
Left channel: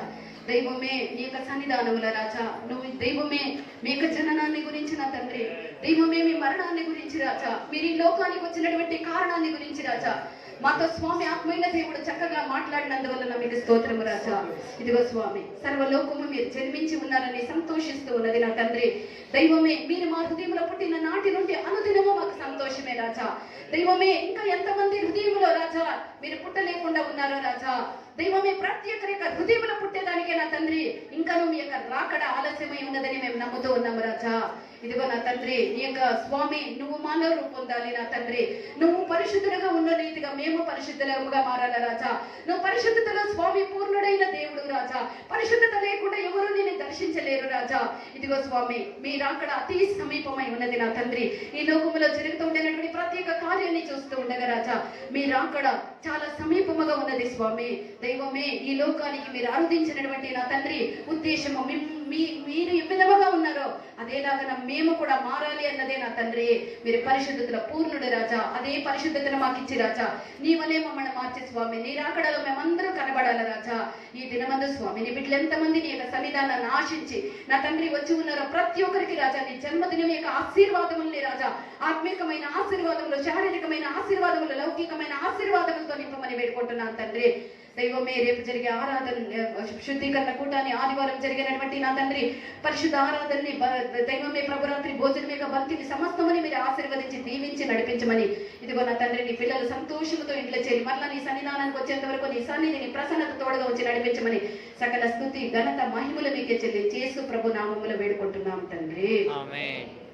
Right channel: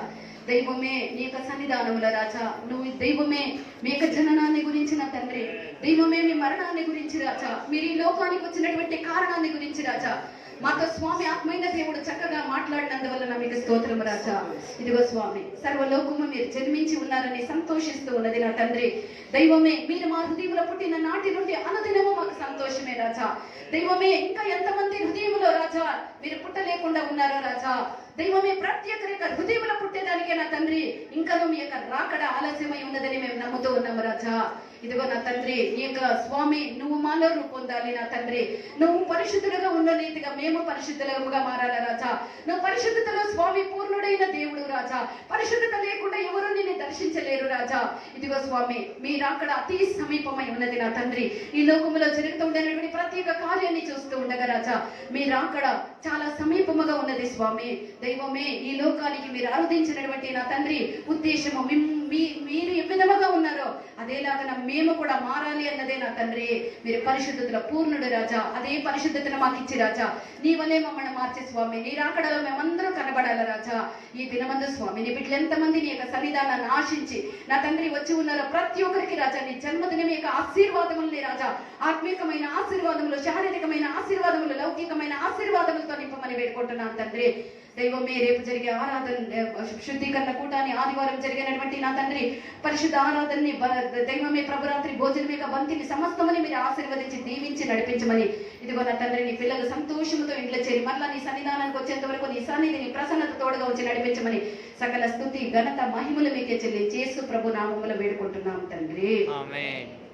దైవమే నీ యొక్క సన్నిధానముల రాజా, నువ్వు దైవమే మీ యొక్క జననాన్ని గురించి నా తండ్రి, దైవమే మీ మరణాన్ని గురించి రాజా, మీరు ఈ లోకానికి వచ్చినటువంటి కారణాన్ని గురించి రాజా, మాతో స్వామి ఆత్మైన దేవుడు చక్కగా మాట్లాడినందువల్ల మీకు స్తోత్రం రాజా. ఇదిగో స్వామి, సర్వలోకము మీరు జన్మించి ఉన్నారని సంతోషిస్తూ ఉన్నది నా తండ్రి. దైవమే మీరు మా హృదయంలో పుట్టిన నాటి నుండి అనుదినము మాకు సంతోషమే రాజా. దైవమే ఇంకా ఎంతమంది హృదయంలో రాజా మీరు పుట్టలేకుండా ఉన్నారో రాజా. దైవమే ప్రతి ఒక్కరి యొక్క హృదయంలో పుట్టేదానికే నా తండ్రి ఇంకనూ మీ యొక్క రాకడ ఆలస్యమై ఉన్నదని మేము నమ్ముతూ ఉన్నాము రాజా. ఇదిగో నా తండ్రి, నీ యొక్క స్వామి నువ్వు మాలో రూపొందాలి నా తండ్రి. నువ్వు పరిశుద్ధులుగా ఉన్న రీతిగా మేము పరిశుద్ధులుగా మారాల రాజా. నువ్వు పరిశుద్ధతలో స్వామి పూర్ణుడైన దేవుడు రాజా. పరిశుద్ధత లేకుండా ఎవరు నిన్ను దర్శించలేరు రాజా. ఇదిగో స్వామి, మీ రాకడ అతి సమీపమై ఉన్నది నా తండ్రి. ఈ లోకములో జరుగుతూ ఉండేటువంటి ప్రతి ఒక్క కార్యాన్ని చూస్తూ ఉండగా రాజా, మీ రాకడ చాలా సమీపముగా ఉన్నది స్వామి. దైవమే ఈ లోకానికి మీరు ఆరాధించినటువంటి నా తండ్రి ఉద్దేశము మీరు ఏ విధముగా ఉన్నారో అదేలాగా మేము కూడా మారాలి అన్నదే నా తండ్రి. మీరు పరిశుద్ధతలో పూర్ణుడు రాజా. అదే పరిశుద్ధతను మాకు ఇచ్చి రాజా, నీ వలే మమ్మల్ని మార్చే స్వామి. నీ రాకడలో మేమందరూ కనబడాలి రాజా. ఈ దినమందు స్వామి నీ బిడ్డలు ఎంతమంది నీ యొక్క సన్నిధానాన్ని ఆశించి నా తండ్రి వచ్చి ఉన్నారో ప్రతి ఒక్కరికి రాజా నీ జన్మదినం యొక్క ఆశీర్వాదముల్ని రాజా, ఆత్మీకమైన ఆశీర్వాదములు, శారీరకమైన ఆశీర్వాదములు, లౌకికమైన ఆశీర్వాదములతో నింపమని వేడుకుంటున్నాను తండ్రి. దైవమే రేపు జరిగే ఆరాధన శుద్ధీకరణ కూటాన్ని ఆదివారం జరిగినటువంటి నా తండ్రి పరిశుద్ధ ఆరాధనని దైవమే ప్రభురాత్రి భోజనమేక బంతిని సమస్తమని మీరు ఆశీర్వదించి దీవించి నడిపించమని. ఇదిగో నా తండ్రి నీ పిల్లలు సంతోషంతో ఇంట్లో చేరి మరలా నీ సన్నిధానానికి వచ్చేంత వరకు నీ సన్నిధిని ప్రసన్నత తోడుగా వచ్చి నడిపించమని సకల స్తుతి ఘనత మహిమలు మీకే చెల్లించి యేసు ప్రభు నామములో వేడుకుంటున్నాం తండ్రి.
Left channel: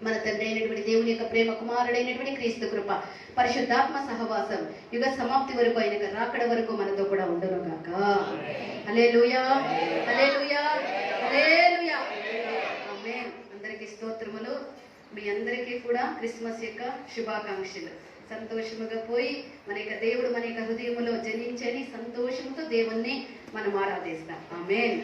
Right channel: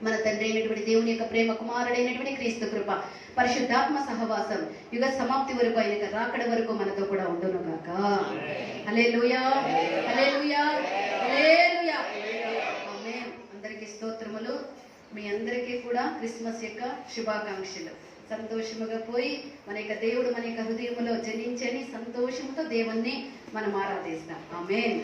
మన తండ్రి అయినటువంటి దేవుని యొక్క ప్రేమ, కుమారుడైనటువంటి క్రీస్తు కృప, పరిశుద్ధాత్మ సహవాసం యుగ సమాప్తి వరకు ఆయన రాకడ వరకు మనతో కూడా ఉండును గాక. హల్లెలూయా, హల్లెలూయా, హల్లెలూయా. ఆమేన్. అందరికీ స్తోత్రములు. మీ అందరికీ కూడా క్రిస్మస్ యొక్క శుభాకాంక్షలు. సంతోషముగా పోయి మన యొక్క దేవుడు మన యొక్క హృదయములో జనించని సంతోషముతో దేవుణ్ణి మనం ఆరాధిస్తాం. ఆమేన్.